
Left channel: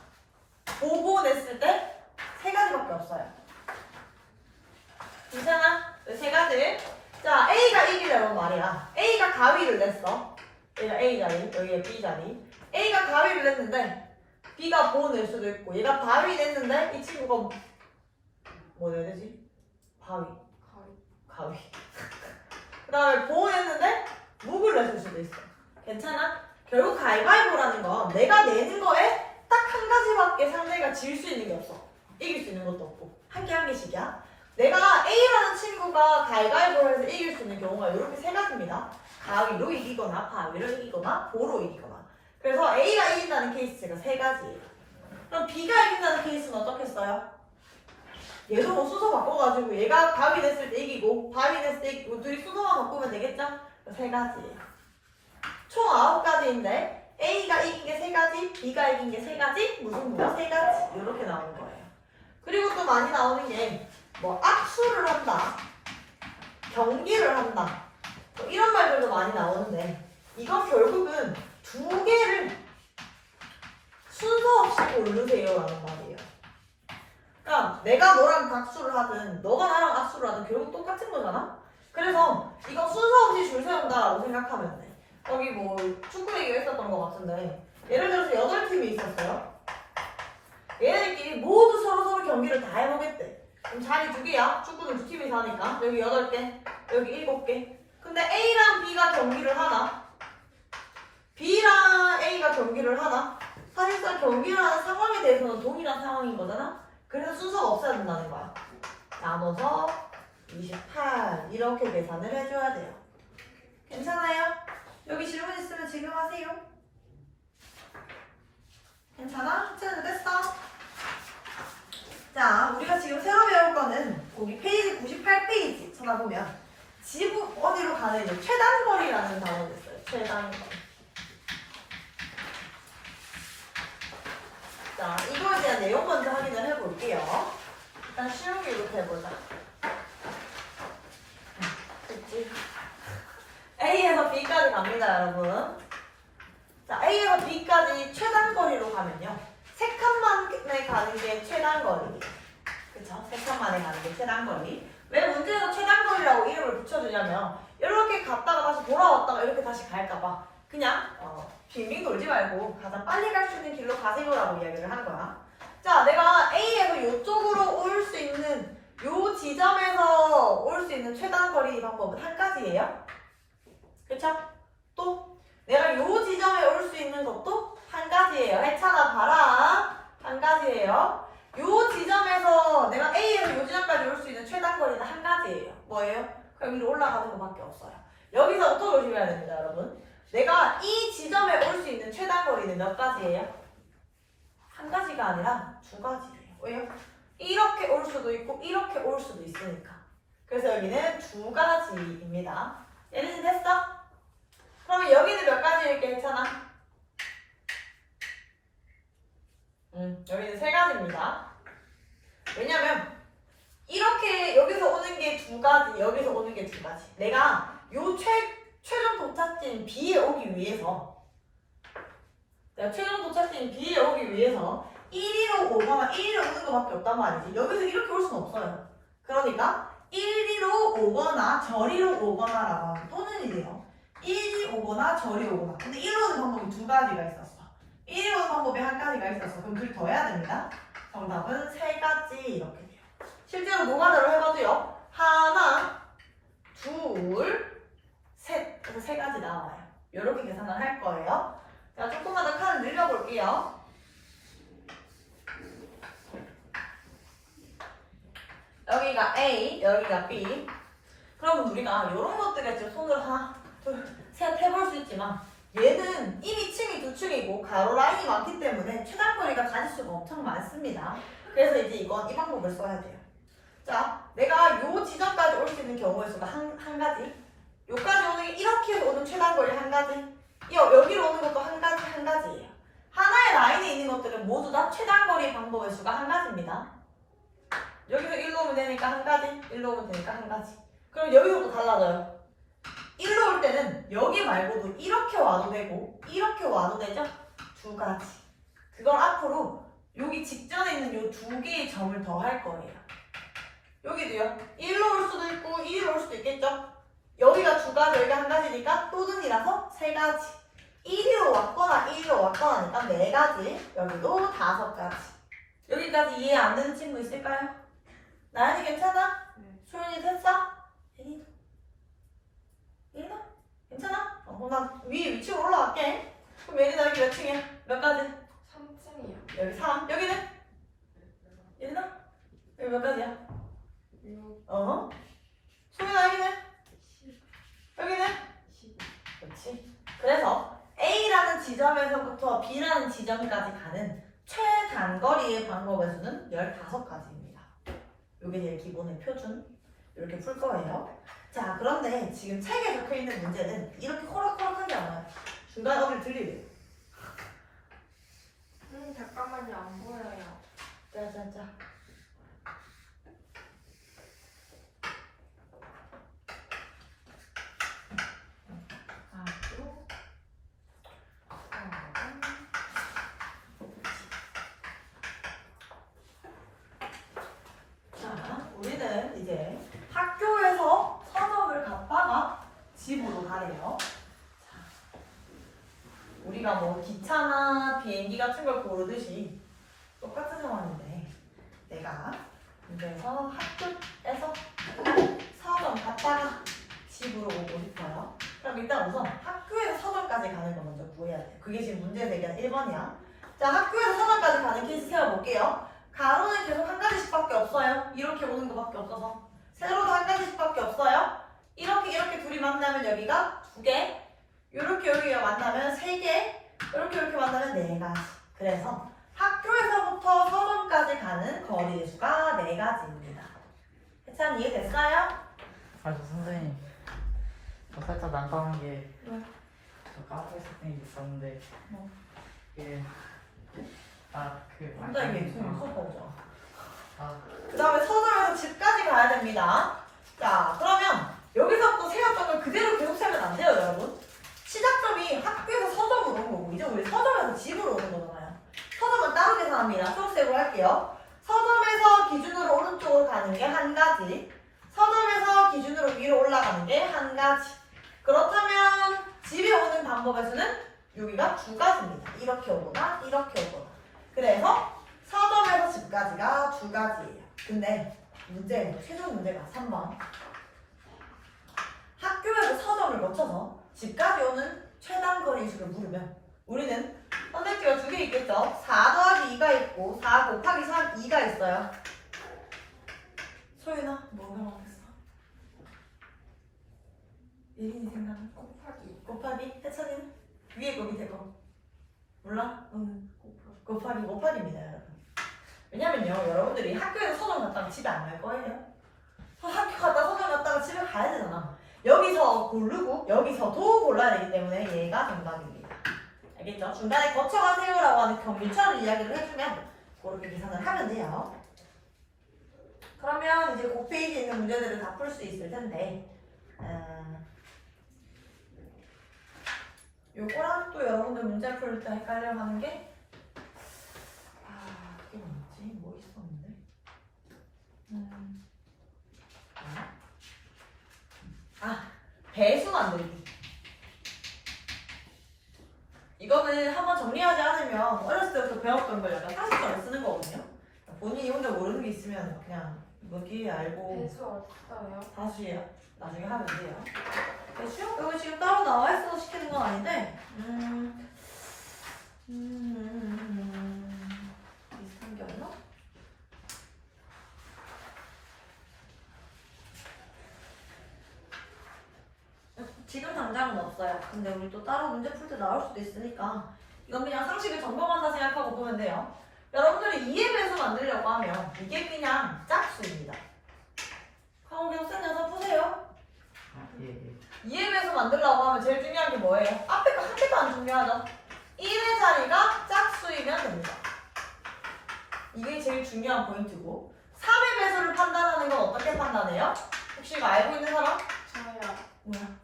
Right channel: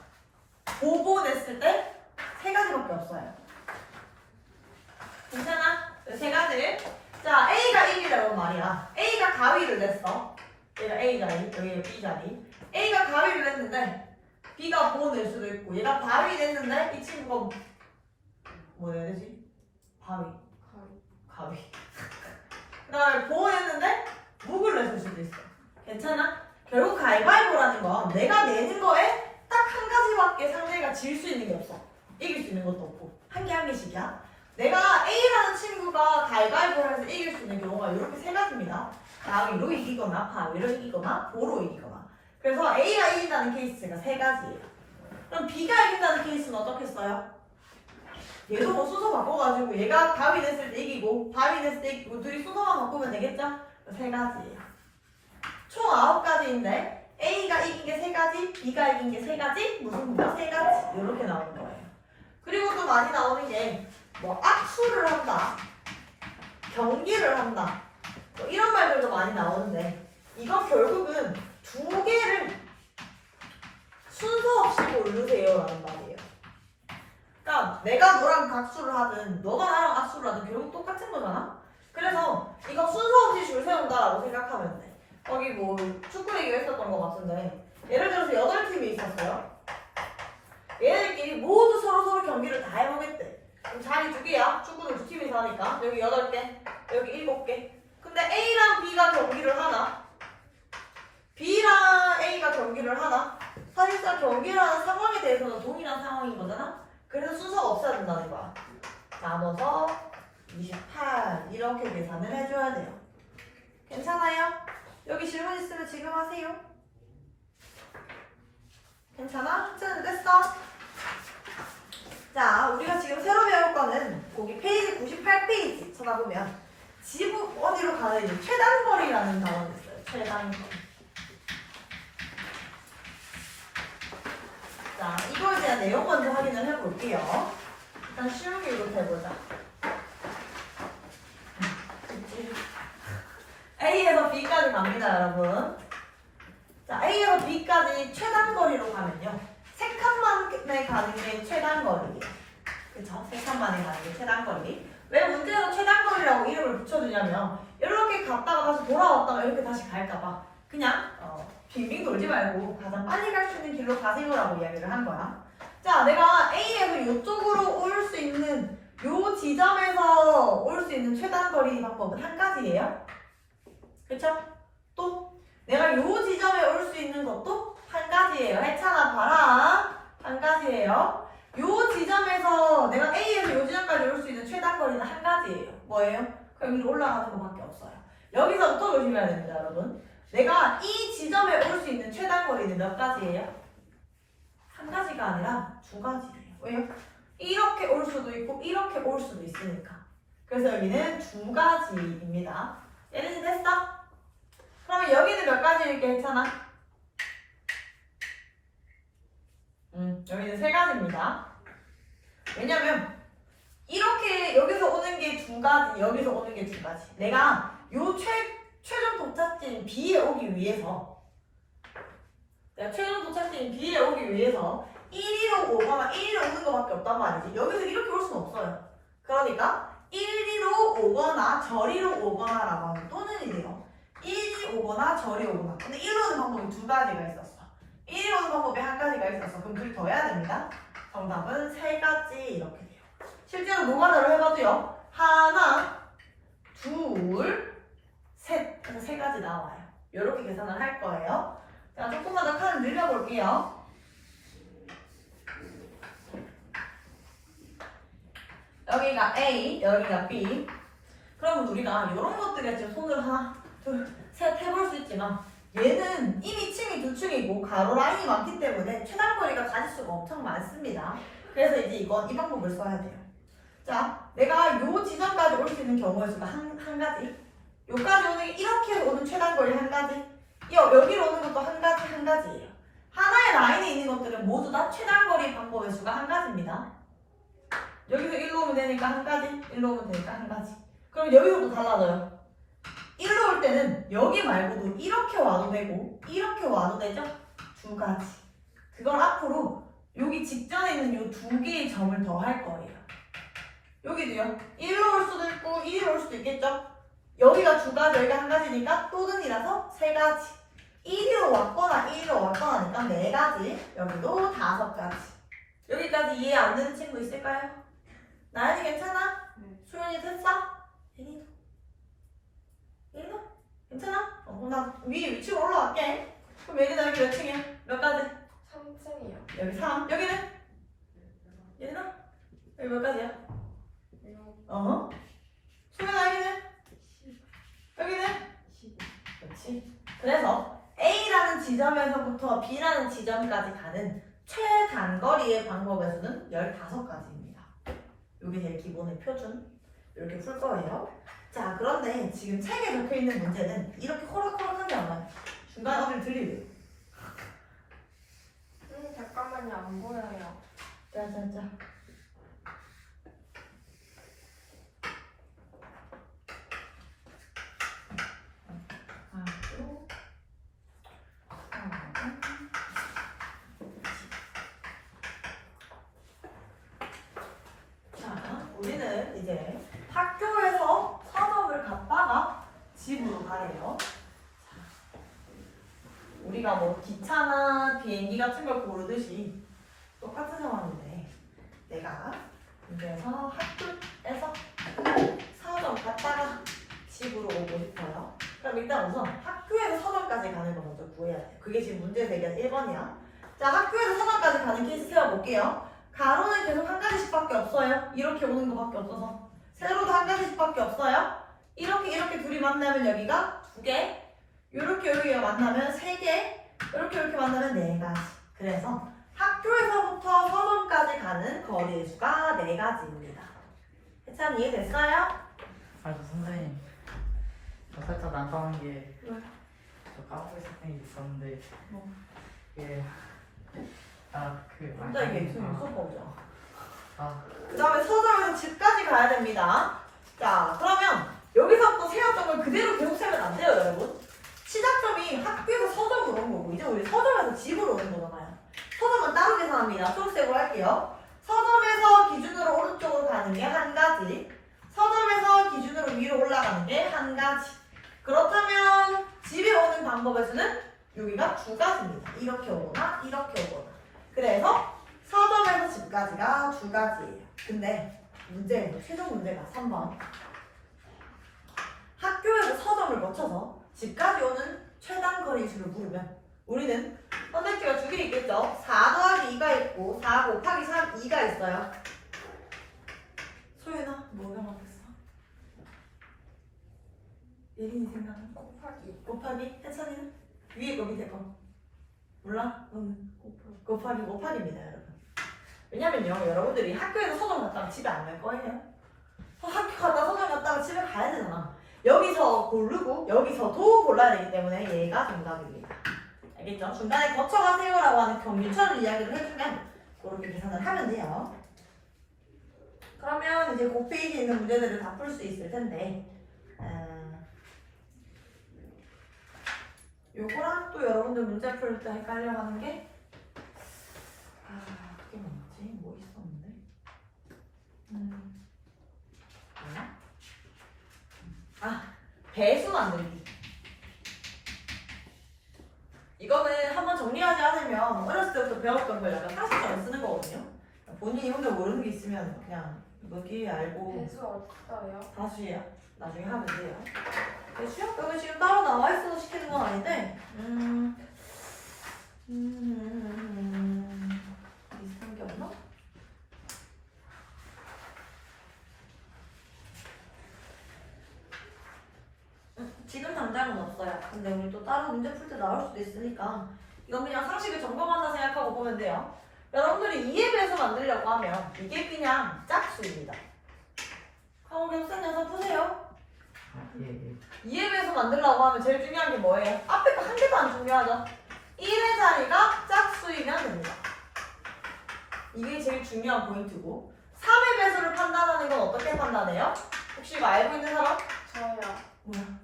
보보 냈을 때 3가지밖에 없어요. 괜찮아? 3가지. 자, A가 이기려면 말이야. A가 가위를 냈어. 얘가 A 자리, 여기가 B 자리. A가 가위를 냈는데 B가 보 낼 수도 있고, 얘가 바위 냈는데 이 친구가 뭐 내야 되지? 바위. 그 다음에 보 냈는데 묵을 냈을 수도 있어. 괜찮아? 결국 가위바위보라는 건 내가 내는 거에 딱 한 가지밖에 상대가 질 수 있는 게 없어. 이길 수 있는 것도 없고. 한 개 한 개씩이야. 내가 A라는 친구가 가위바위보를 해서 이길 수 있는 경우가 이렇게 3가지입니다. 가위로 이기거나 바위로 이기거나 보로 이기거나. 그래서 A가 이긴다는 케이스가 3가지예요. 그럼 B가 이긴다는 케이스는 어떻게 써요? 얘도 뭐 순서 바꿔가지고 얘가 가위 냈을 때 이기고 바위 냈을 때 이기고 둘이 순서만 바꾸면 되겠죠? 3가지예요. 총 9가지인데 A가 이긴 게 3가지, B가 이긴 게 3가지, 무승부가 3가지 이렇게 나오는 거예요. 그리고 또 많이 나오는 게 뭐 악수를 한다, 경기를 한다, 뭐 이런 말들도 많이 나오는데 이건 결국은 2개를 순서 없이 고르세요 라는 말이에요. 그러니까 내가 너랑 악수를 하든 너가 나랑 악수를 하든 결국 똑같은 거잖아. 그래서 이거 순서 없이 줄 세운다라고 생각하면 돼. 거기 뭐 축구 얘기가 있었던 것 같은데 예를 들어서 8팀이 있었어요. 얘네들끼리 모두 서로 경기를 다 해보겠대. 그럼 자리 2개야. 축구는 2팀이서 하니까 여기 8개, 여기 7개. 근데 A랑 B가 경기를 하나, B랑 A가 경기를 하나. 사실상 경기를 하는 상황에 대해서는 동일한 상황인 거잖아. 그래서 순서가 없어야 된다는 거야. 나눠서 28 이렇게 계산을 해줘야 돼요. 괜찮아요? 여기 질문 있으면 지금 하세요. 괜찮아? 학생은 됐어? 자, 우리가 지금 새로 배울 거는 거기 페이지 98페이지 찾아보면 지구 어디로 가는지 최단거리라는 단어가 있어요. 최단거리. 자, 이거에 대한 내용 먼저 확인을 해볼게요. 일단 쉬운 길부터 해보자. 그치? A에서 B까지 갑니다, 여러분. 자, A에서 B까지 최단거리로 가면요. 3칸만에 가는 게 최단거리예요. 그쵸? 3칸만에 가는 게 최단거리. 왜 문제에서 최단 붙여주냐면 이렇게 갔다가 다시 돌아왔다가 이렇게 다시 갈까봐 그냥 빙빙 돌지 말고 가장 빨리 갈 수 있는 길로 가세요라고 이야기를 한 거야. 자, 내가 A에서 이쪽으로 올 수 있는 요 지점에서 올 수 있는 최단 거리 방법은 한 가지예요. 그쵸? 또 내가 요 지점에 올 수 있는 것도 한 가지예요. 해찬아 봐라. 한 가지예요. 요 지점에서 내가 A에서 요 지점까지 올 수 있는 최단 거리는 한 가지예요. 뭐예요? 그럼 여기로 올라가는 것밖에 없어요. 여기서부터 조심해야 됩니다, 여러분. 내가 이 지점에 올 수 있는 최단 거리는 몇 가지예요? 한 가지가 아니라 두 가지예요. 왜요? 이렇게 올 수도 있고 이렇게 올 수도 있으니까. 그래서 여기는 두 가지입니다. 얘는 됐어? 그러면 여기는 몇 가지일게 했잖아? 여기는 세 가지입니다. 왜냐면 이렇게 여기서 오는 게 두 가지, 여기서 오는 게 두 가지. 내가 요 최종 도착지인 B에 오기 위해서 내가 최종 도착지인 B에 오기 위해서 1위로 오거나 1위로 오는 것밖에 없단 말이지. 여기서 이렇게 올 수는 없어요. 그러니까 1위로 오거나 저리로 오거나라고 하면 또는이 돼요. 1위 오거나 저리 오거나. 근데 1로 오는 방법이 두 가지가 있었어. 1위 오는 방법이 한 가지가 있었어. 그럼 둘이 더 해야 됩니다. 정답은 세 가지 이렇게 돼요. 실제로 노가다로 해봐도요. 하나, 둘, 셋. 그래서 세 가지 나와요. 이렇게 계산을 할 거예요. 제가 조금만 더 칸을 늘려볼게요. 여기가 A, 여기가 B. 그러면 우리가 이런 것들에 지금 손으로 하나, 둘, 셋 해볼 수 있지만 얘는 이미 층이 두 층이고 가로 라인이 많기 때문에 최단거리가 가지수가 엄청 많습니다. 그래서 이제 이건 이 방법을 써야 돼요. 자, 내가 요 지점까지 올 수 있는 경우의 수가 한 가지. 요까지 오는 게 이렇게 오는 최단거리 한 가지. 여기로 오는 것도 한 가지예요. 하나의 라인에 있는 것들은 모두 다 최단거리 방법의 수가 한 가지입니다. 여기서 1로 오면 되니까 한 가지, 1로 오면 되니까 한 가지. 그럼 여기서도 달라져요. 1로 올 때는 여기 말고도 이렇게 와도 되고 이렇게 와도 되죠? 두 가지. 그걸 앞으로 여기 직전에 있는 이 두 개의 점을 더 할 거예요. 여기도요. 1로 올 수도 있고 2로 올 수도 있겠죠? 여기가 두 가지, 여기가 한 가지니까 또는이라서 세 가지. 1위로 왔거나 2위로 왔거나니까 네 가지. 여기도 다섯 가지. 여기까지 이해 안 되는 친구 있을까요? 나연이 괜찮아? 소연이 됐어? 예린아? 예린아? 괜찮아? 나 위에 위치로 올라갈게. 그럼 예린아 여기 몇 층이야? 몇 가지? 3층이요. 여기 3. 여기는? 예린아? 여기 몇 가지야? 6, 소연아 여기는? 10, 여기는? 12. 그렇지. 그래서 A라는 지점에서부터 B라는 지점까지 가는 최단거리의 방법의 수는 15가지입니다. 이게 제일 기본의 표준. 이렇게 풀 거예요. 자, 그런데 지금 책에 적혀 있는 문제는 이렇게 코락코락하지 않아요. 중간에 어딜 들리래요. 잠깐만요. 안 보여요. 짜자자. 우리는 이제 학교에서 서점을 갔다가 집으로 가래요. 우리가 뭐 기차나 비행기 같은 걸 고르듯이 똑같은 상황인데 내가 그래서 학교에서 서점 갔다가 집으로 오고 싶어요. 그럼 일단 우선 학교에서 서점까지 가는 거 먼저 구해야 돼요. 그게 지금 문제 대결 1번이야. 자, 학교에서 서점까지 가는 케이스 세워볼게요. 가로는 계속 한 가지씩밖에 없어요. 이렇게 오는 것밖에 없어서. 세로도 한 가지씩밖에 없어요. 이렇게 둘이 만나면 여기가 2개. 이렇게 여기가 만나면 3개. 이렇게 만나면 4가지. 그래서 학교에서부터 서점까지 가는 거리의 수가 4가지입니다. 해찬 이해됐어요? 아, 저 선생님, 저 살짝 난감한 게, 저 까먹고 있었던 게 있었는데, 뭐? 이게, 혼자 이게 수업 오죠. 그 그 다음에 서점에서 집까지 가야 됩니다. 자, 그러면 여기서부터 세웠던 걸 그대로 계속 세면 안 돼요, 여러분. 시작점이 학교에서 서점으로 온 거고, 이제 우리 서점에서 집으로 오는 거잖아요. 서점은 따로 계산합니다. 수업색으로 할게요. 서점에서 기준으로 오른쪽으로 가는 게 한 가지, 서점에서 기준으로 위로 올라가는 가는 게 한 가지. 그렇다면 집에 오는 방법의 수는 여기가 두 가지입니다. 이렇게 오거나 이렇게 오거나. 그래서 서점에서 집까지가 두 가지예요. 근데 문제, 최종 문제가 3번. 학교에서 서점을 거쳐서 집까지 오는 최단 거리 수를 물으면 우리는 선택지가 두 개 있겠죠? 4 더하기 2가 있고 4 곱하기 3, 2가 있어요. 소연아, 뭐가 맞겠어? 예린이 생각은? 곱하기? 혜찬이는? 위에 거 밑에 거? 몰라? 응. 곱하기입니다, 여러분. 왜냐면요, 여러분들이 학교에서 서점 갔다가 집에 안 갈 거예요. 학교 갔다 서점 갔다가 집에 가야 되잖아. 여기서 고르고 여기서도 골라야 되기 때문에 얘가 정답입니다. 알겠죠? 중간에 거쳐가세요라고 하는 경유처를 이야기를 해주면 그렇게 계산을 하면 돼요. 그러면 이제 그 페이지에 있는 문제들을 다 풀 수 있을 텐데 요거랑 또 여러분들 문제 풀 때 헷갈려 하는 게 그게 뭐였지? 뭐 있었는데? 배수 만들기. 이거는 한번 정리하지 않으면 어렸을 때부터 배웠던 걸 약간 상식적으로 쓰는 거거든요. 본인이 혼자 모르는 게 있으면 그냥 여기 알고 배수 어딨어요? 다수예요. 나중에 하면 돼요. 배수요? 여기 지금 따로 나와 있어서 시키는 건 아닌데 비슷한 게 없나? 지금 당장은 없어요. 근데 우리 또 따로 문제 풀 때 나올 수도 있으니까 이건 그냥 상식을 점검한다 생각하고 보면 돼요. 여러분들이 2의 배수 만들려고 하면 이게 그냥 짝수입니다. 강호기 학생 녀석 푸세요. 예. 2의 배수 만들려고 하면 제일 중요한 게 뭐예요? 앞에 거 한 개도 안 중요하죠. 1의 자리가 짝수이면 됩니다. 이게 제일 중요한 포인트고 3의 배수를 판단하는 건 어떻게 판단해요? 혹시 이거 알고 있는 사람? 저요. 뭐야?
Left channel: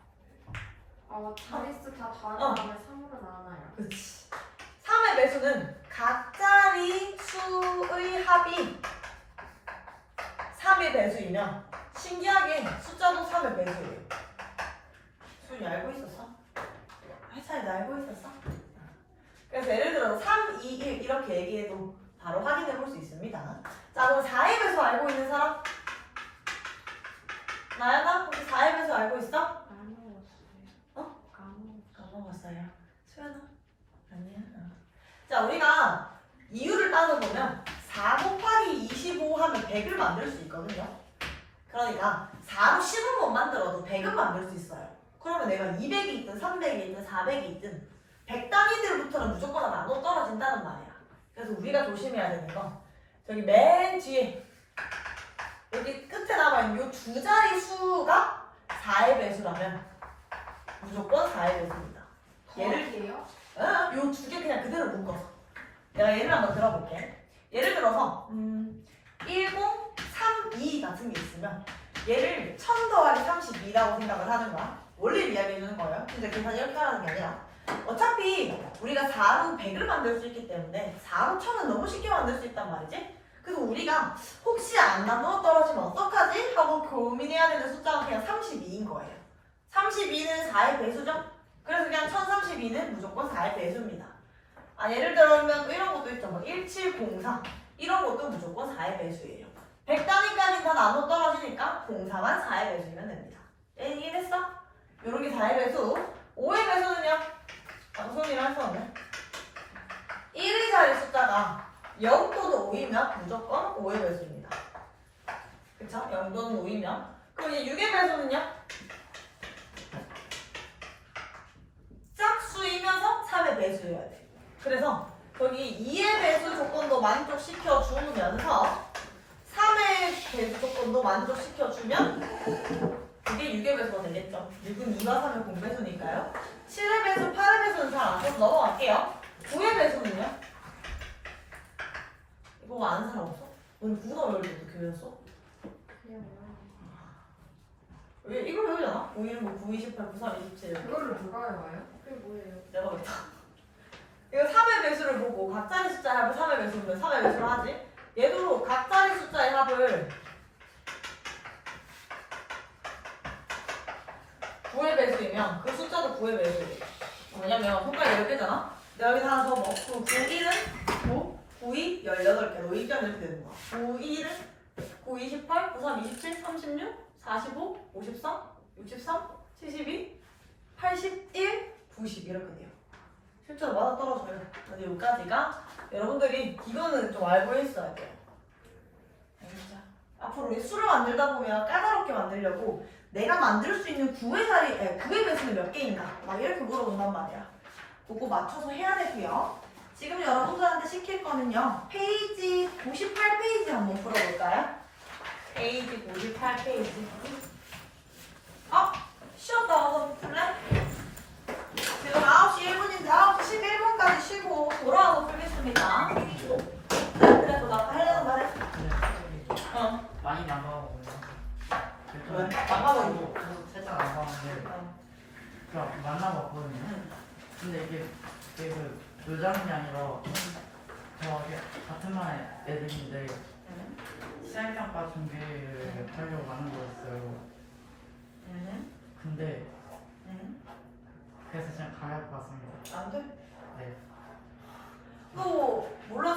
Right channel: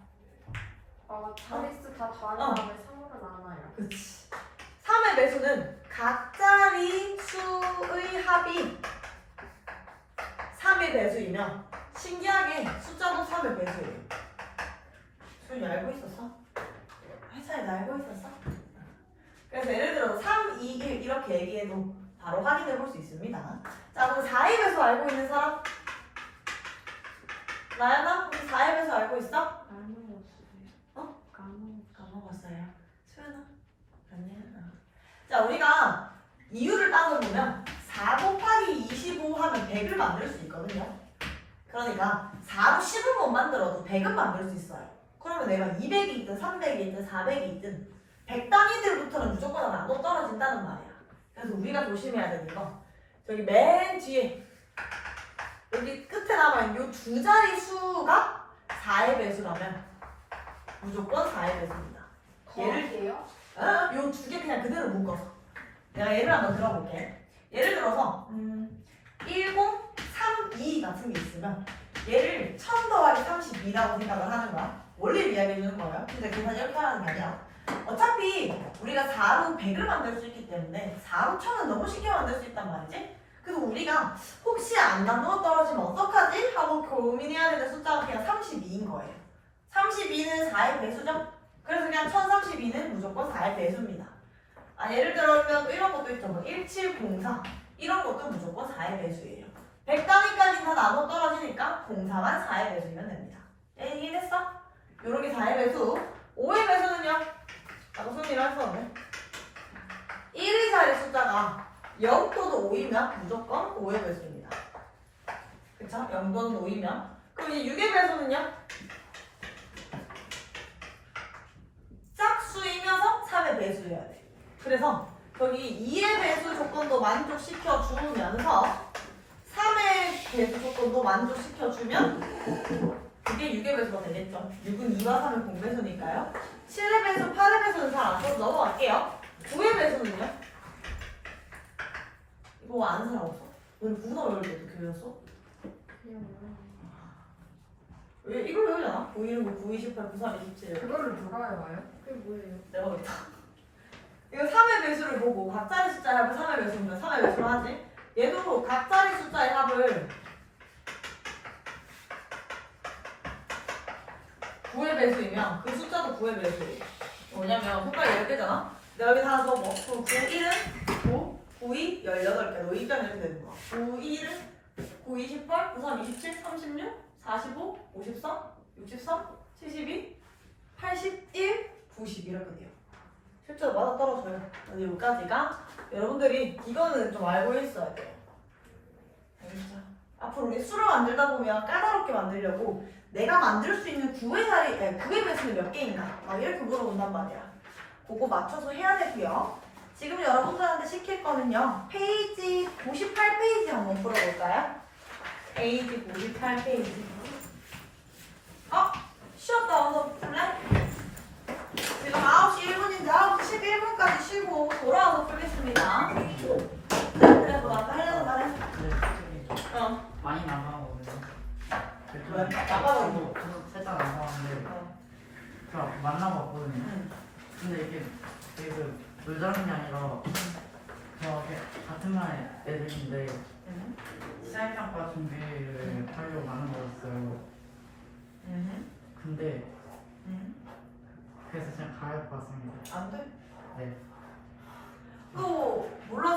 자릿수 다 더한 다음에 3으로 나눠요. 그치. 3의 배수는 각자리 수의 합이 3의 배수이면 신기하게 숫자도 3의 배수예요. 수연이 알고 있었어? 회사에 나 알고 있었어? 그래서 예를 들어 3, 2, 1 이렇게 얘기해도 바로 확인해 볼 수 있습니다. 자, 그럼 4의 배수 알고 있는 사람? 나연아? 혹시 4의 배수 알고 있어? 까먹었어요. 수연아? 아니야. 자, 우리가 이유를 따져보면 4 곱하기 25 하면 100을 만들 수 있거든요. 그러니까 4로 10은 못 만들어도 100은 만들 수 있어요. 그러면 내가 200이 있든 300이 있든 400이 있든 100 단위들부터는 무조건 나눠 떨어진다는 말이야. 그래서 우리가 조심해야 되는 거 저기 맨 뒤에 여기 끝에 남아있는 이 두 자리 수가 4의 배수라면 무조건 4의 배수입니다. 더하기예요? 요 두 개 그냥 그대로 묶어서 내가 예를 한번 들어볼게. 예를 들어서 1032 같은 게 있으면 얘를 1000 더하기 32라고 생각을 하는 거야. 원리를 이야기해 주는 거예요. 근데 계산이 이렇게 하는 게 아니라 어차피 우리가 4로 100을 만들 수 있기 때문에 4로 1000은 너무 쉽게 만들 수 있단 말이지. 그래서 우리가 혹시 안 나누어 떨어지면 어떡하지? 하고 고민해야 되는 숫자가 그냥 32인 거예요. 32는 4의 배수죠? 그래서 그냥 1032는 무조건 4의 배수입니다. 예를 들면 이런 것도 있죠. 뭐 1704 이런 것도 무조건 4의 배수예요. 100 단위까지 다 나눠 떨어지니까 공사만 4의 배수면 됩니다. 이해했어? 요런 게 4의 배수. 5의 배수는요? 소은이랑 했었네. 1의 자리 숫자가 0 또는 5이면 무조건 5의 배수입니다. 그쵸? 0 또는 5이면. 그럼 이제 6의 배수는요? 짝수이면서 3의 배수여야 돼. 그래서 저기 2의 배수 조건도 만족시켜 주면서 3의 배수 조건도 만족시켜 주면 그게 6의 배수가 되겠죠. 6은 2와 3의 공배수니까요. 7의 배수, 8의 배수는 잘 안 써서 넘어갈게요. 9의 배수는요? 이거 아는 사람 없어? 너는 9 나올 때도 교회였어? 왜 이걸 외우잖아? 9, 1, 9, 28, 9, 3, 27 그거를 누가 외워요? 그게 뭐예요? 내가 겠다 이거 3의 배수를 보고 각자리 숫자의 합을 3의 배수면 3의 배수로 하지. 얘도 각자리 숫자의 합을 9의 배수이면 그 숫자도 9의 배수예요. 뭐냐면 숫자가 10개잖아? 내가 여기 하나 적어. 그럼 9, 1은 9, 9, 2, 18개. 너 이점 이렇게 되는 거야. 9, 1은 9, 2, 18, 9, 3, 27, 36, 45, 53, 63, 72, 81, 90 이렇게 돼요. 실제로 맞아 떨어져요. 근데 여기까지가 여러분들이 이거는 좀 알고 있어야 돼요. 알겠죠? 앞으로 우리 수를 만들다 보면 까다롭게 만들려고 내가 만들 수 있는 9의 자리, 9의 배수는 몇 개인가? 막 이렇게 물어본단 말이야. 그거 맞춰서 해야 되고요. 지금 여러분들한테 시킬 거는요. 페이지 98페이지 한번 풀어볼까요? 페이지 98페이지. 쉬었다 와서 풀래? 지금 9시 1분인데 9시 11분까지 쉬고 돌아와서 풀겠습니다. 자, 그래도 나 하려는 말 해. 근데 솔직히 어. 많이 난감하거든요. 왜? 나빠져가지고. 저도 살짝 난감한데 제가 만나봤거든요. 근데 이게 그 놀자는 게 아니라 제가 같은 반에 애들인데 시험평가 준비를 하려고 하는 거였어요. 근데 그래서 그냥 가야 할 것 같습니다. 안 돼? 네. 또 몰랐어.